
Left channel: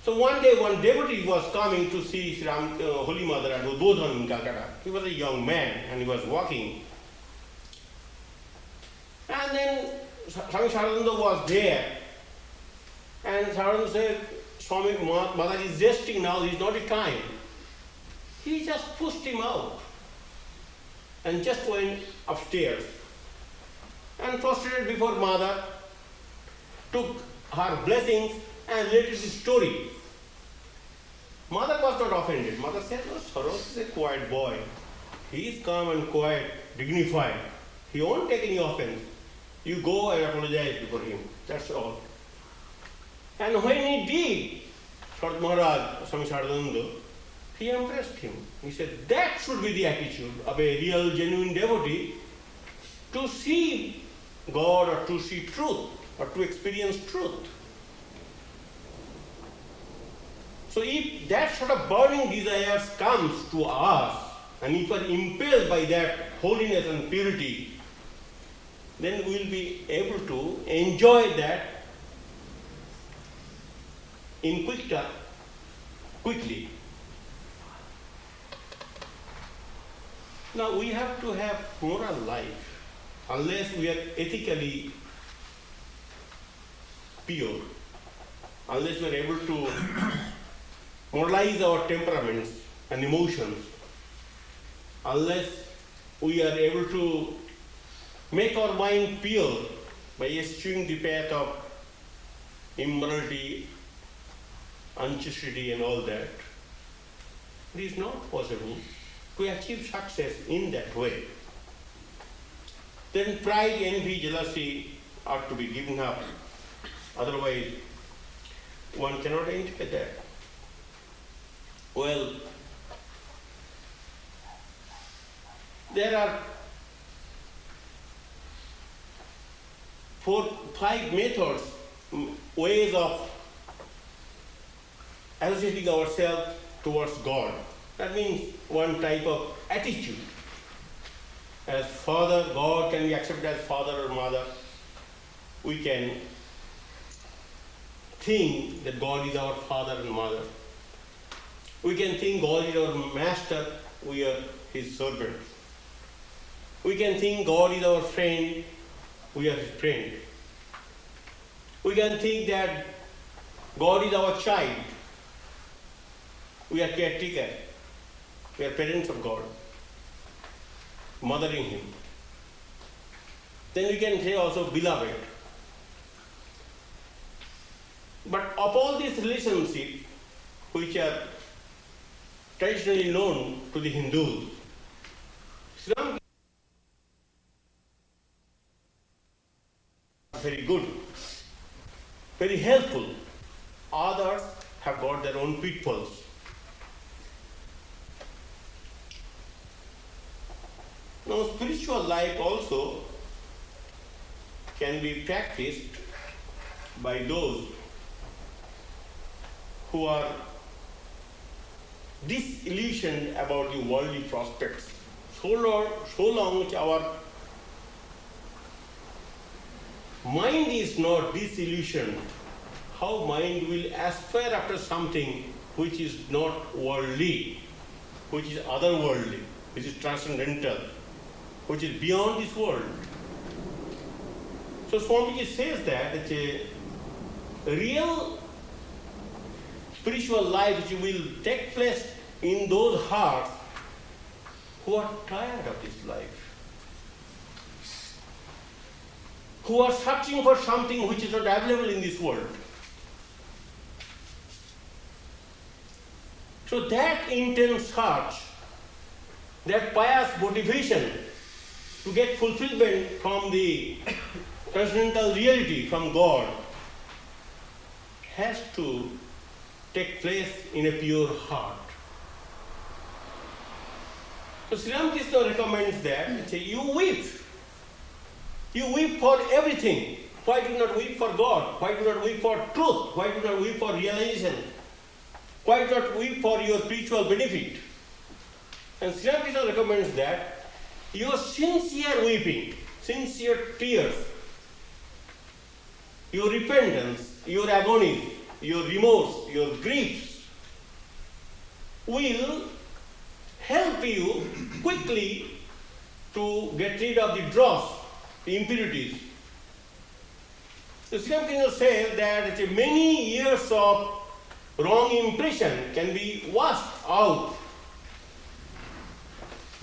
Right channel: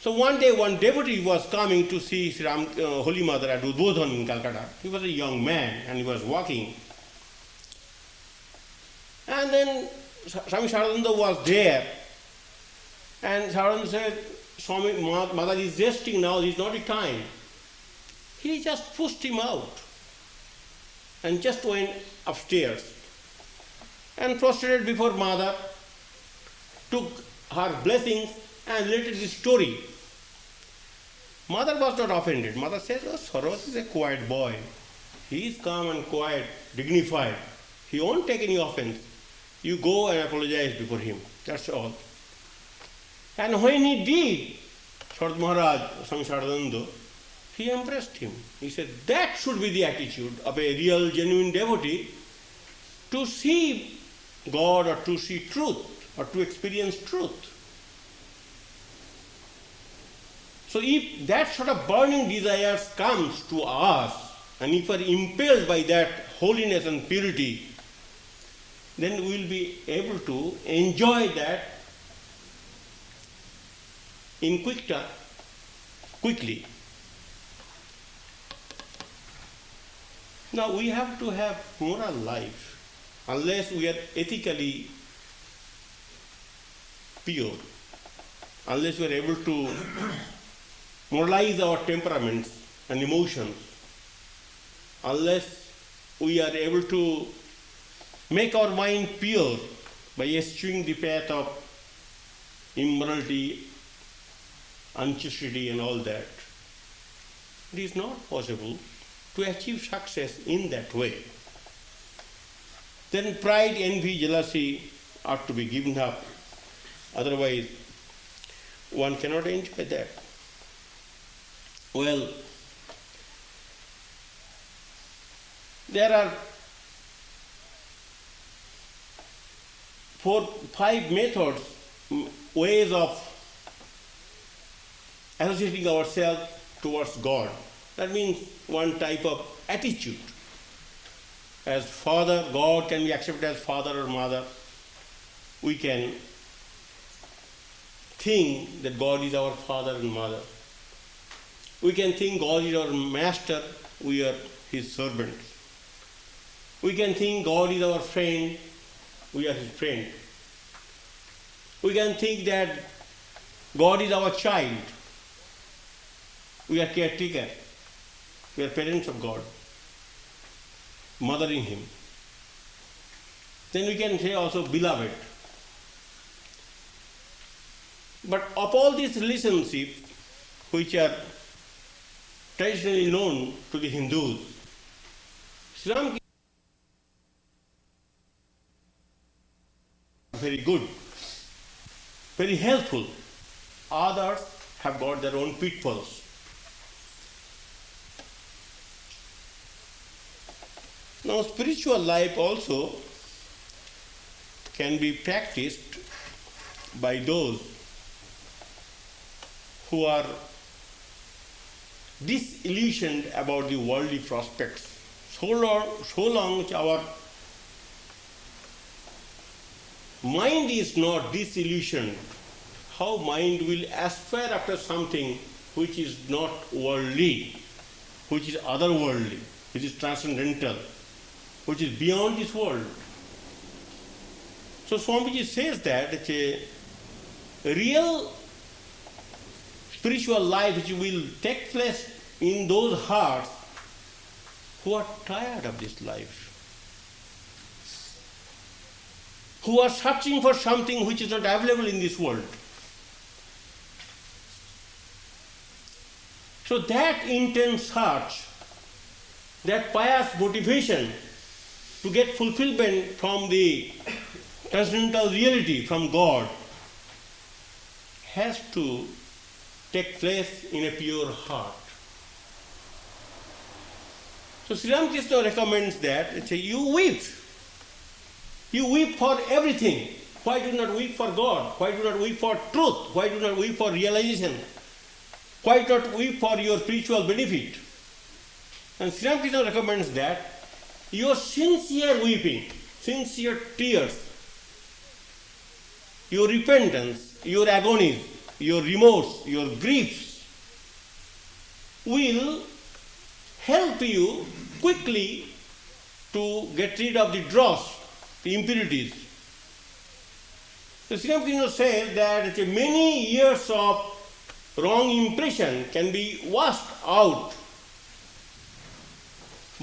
So one day, one devotee was coming to see Holy Mother at Udbodhan in Calcutta. He was a young man and he was walking. And then Swami Virajananda was there. And Virajananda said, Swami, Mother is resting now, this is not the time. He just pushed him out and just went upstairs and prostrated before Mother, took her blessings and related the story. Mother was not offended. Mother said, oh, Saros is a quiet boy. He is calm and quiet, dignified. He won't take any offense. You go and apologize before him. That's all. And when he did, Sardar Maharaj, Swami Virajananda, he impressed him. He said, that should be the attitude of a real, genuine devotee, to see God or to see truth or to experience truth. So if that sort of burning desires comes to us, and if we are impelled by that holiness and purity, then we will be able to enjoy that in quickly. Now we have to have moral life. Unless we are ethically pure, unless we are able to moralize our temperaments and emotions, unless we are able to make our mind pure by eschewing the path of immorality, unchastity and all that, it is not possible to achieve success in that way. Then pride, envy, jealousy are to be given up. Otherwise, one cannot enjoy that. Well, there are 5 methods, ways of associating ourselves towards God. That means one type of attitude. As Father, God can be accepted as Father or Mother. We can think that God is our Father and Mother. We can think God is our Master, we are His servants. We can think God is our friend, we are His friend. We can think that God is our child, we are caretaker, we are parents of God, mothering Him. Then we can say also beloved. But of all these relationships, which are traditionally known to the Hindus, Islam is very good, very helpful. Others have got their own pitfalls. Now, spiritual life also can be practiced by those who are disillusioned about the worldly prospects. So long our mind is not disillusioned, how mind will aspire after something which is not worldly, which is otherworldly, which is transcendental, which is beyond this world. So Swamiji says that a real spiritual life which will take place in those hearts who are tired of this life, who are searching for something which is not available in this world. So that intense search, that pious motivation to get fulfillment from the transcendental reality, from God, has to take place in a pure heart. So Sri Ramakrishna recommends that you weep. You weep for everything. Why do not weep for God? Why do not weep for truth? Why do not weep for realization? Why do not weep for your spiritual benefit? And Sri Ramakrishna recommends that your sincere weeping, sincere tears, your repentance, your agony, your remorse, your griefs will help you quickly to get rid of the dross, the impurities. So Sri Ramakrishna says that many years of wrong impression can be washed out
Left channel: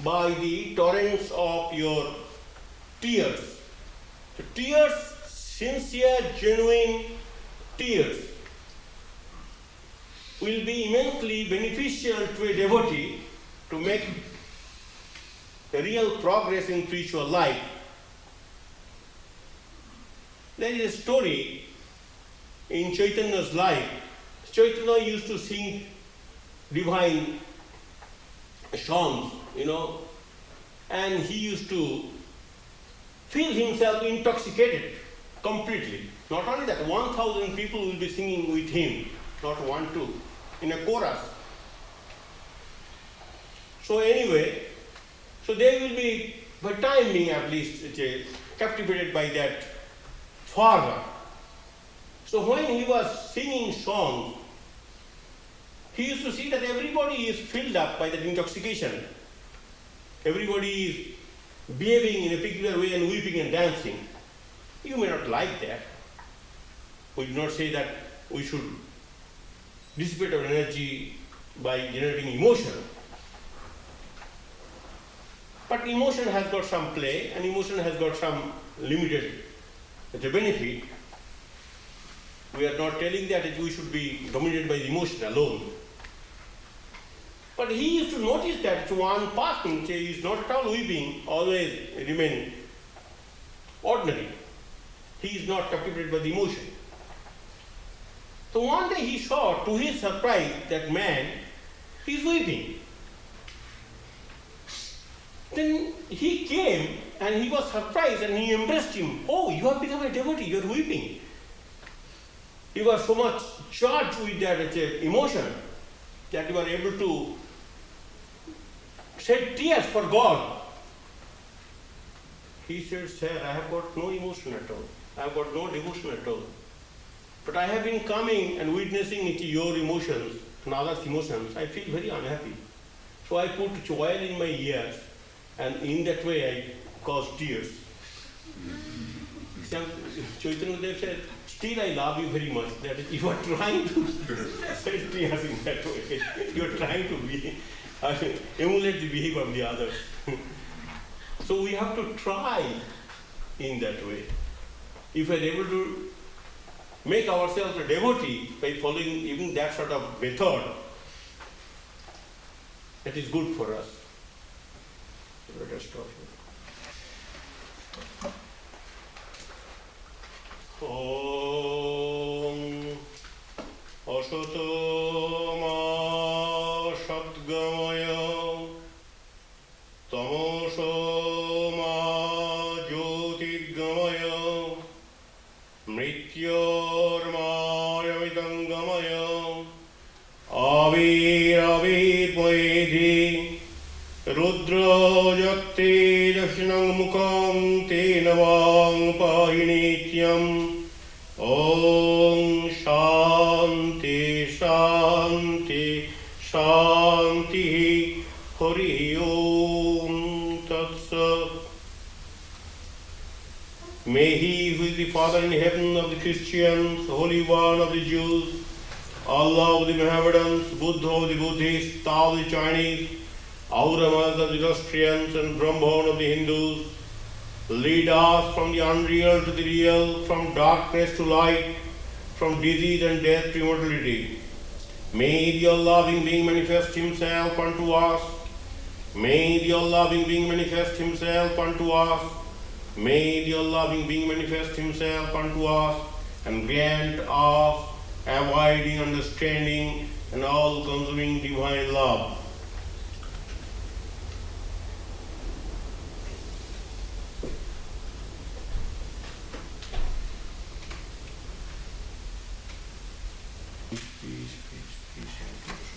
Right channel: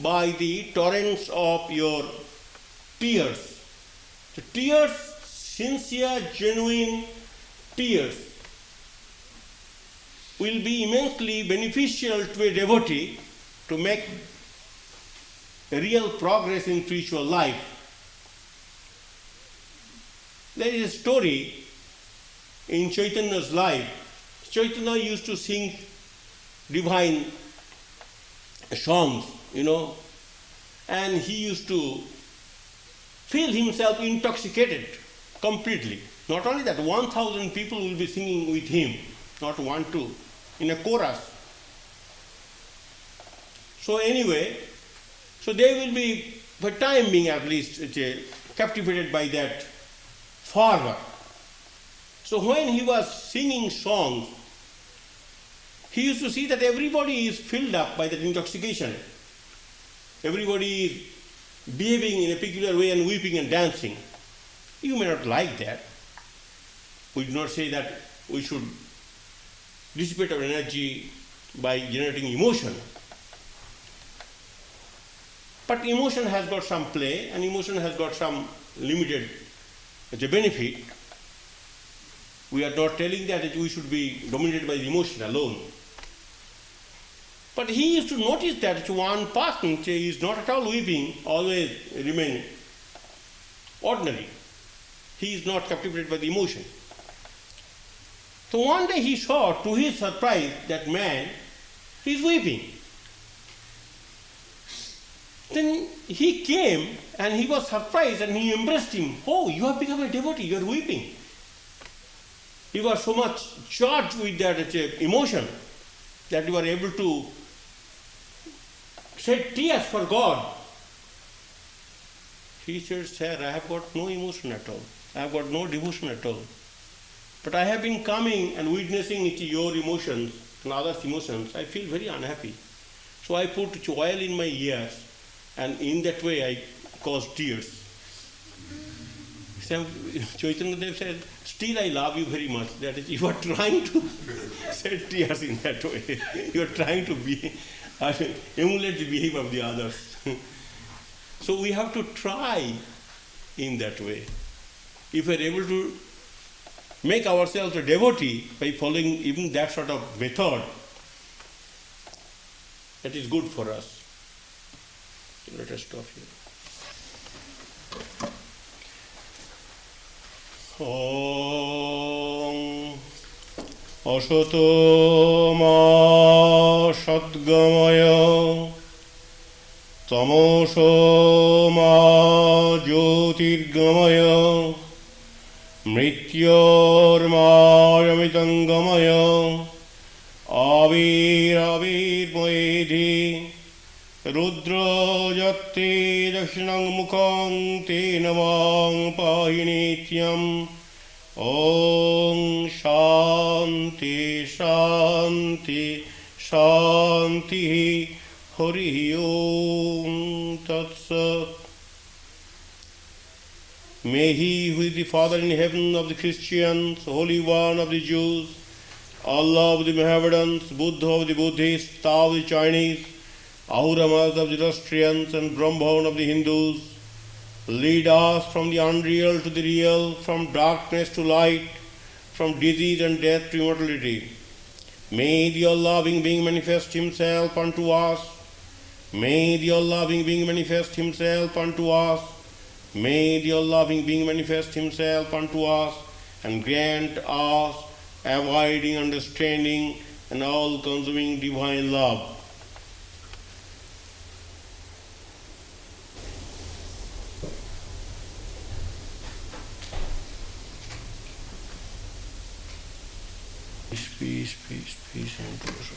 by the torrents of your tears. The tears, sincere, genuine tears, will be immensely beneficial to a devotee to make a real progress in spiritual life. There is a story in Chaitanya's life. Chaitanya used to sing divine songs, and he used to feel himself intoxicated completely. Not only that, 1,000 people will be singing with him, not 1, 2, in a chorus. So anyway, so they will be, for time being at least, captivated by that fervor. So when he was singing songs, he used to see that everybody is filled up by that intoxication. Everybody is behaving in a peculiar way and weeping and dancing. You may not like that. We do not say that we should dissipate our energy by generating emotion. But emotion has got some play, and emotion has got some limited benefit. We are not telling that we should be dominated by the emotion alone. But he used to notice that one person is not at all weeping, always remain ordinary. He is not captivated by the emotion. So one day he saw, to his surprise, that man is weeping. Then he came and he was surprised and he embraced him. Oh, you have become a devotee, you are weeping. You are so much charged with that emotion that you are able to shed tears for God. He said, sir, I have got no emotion at all. I have got no devotion at all. But I have been coming and witnessing your emotions and others' emotions. I feel very unhappy. So I put oil in my ears, and in that way I caused tears. So Chaitanya Dev said, still I love you very much. That is, you are trying to shed tears in that way. You are trying to emulate the behavior of the others. So we have to try in that way. If we are able to make ourselves a devotee by following even that sort of method, that is good for us. So let us stop here. Om Asato ma Satgamaya Tamoso ma Jyotirgamaya Mrityormayamitangamaya Avir Poedhi Rudra Jati Dakshinang Mukham Tenavang Pahinityam Om Shanti Shanti Shanti Hari Om Tat Sat. May He who is the Father in heaven of the Christians, Holy One of the Jews, Allah of the Mohammedans, Buddha of the Buddhists, Tao of the Chinese, Auramas of the Zoroastrians, and Brahman of the Hindus, lead us from the unreal to the real, from darkness to light, from disease and death to immortality. May the all-loving being manifest Himself unto us. May the all-loving being manifest Himself unto us. May the all-loving being manifest Himself unto us and grant us abiding understanding and all-consuming divine love. Peace, peace, peace, peace, and peace.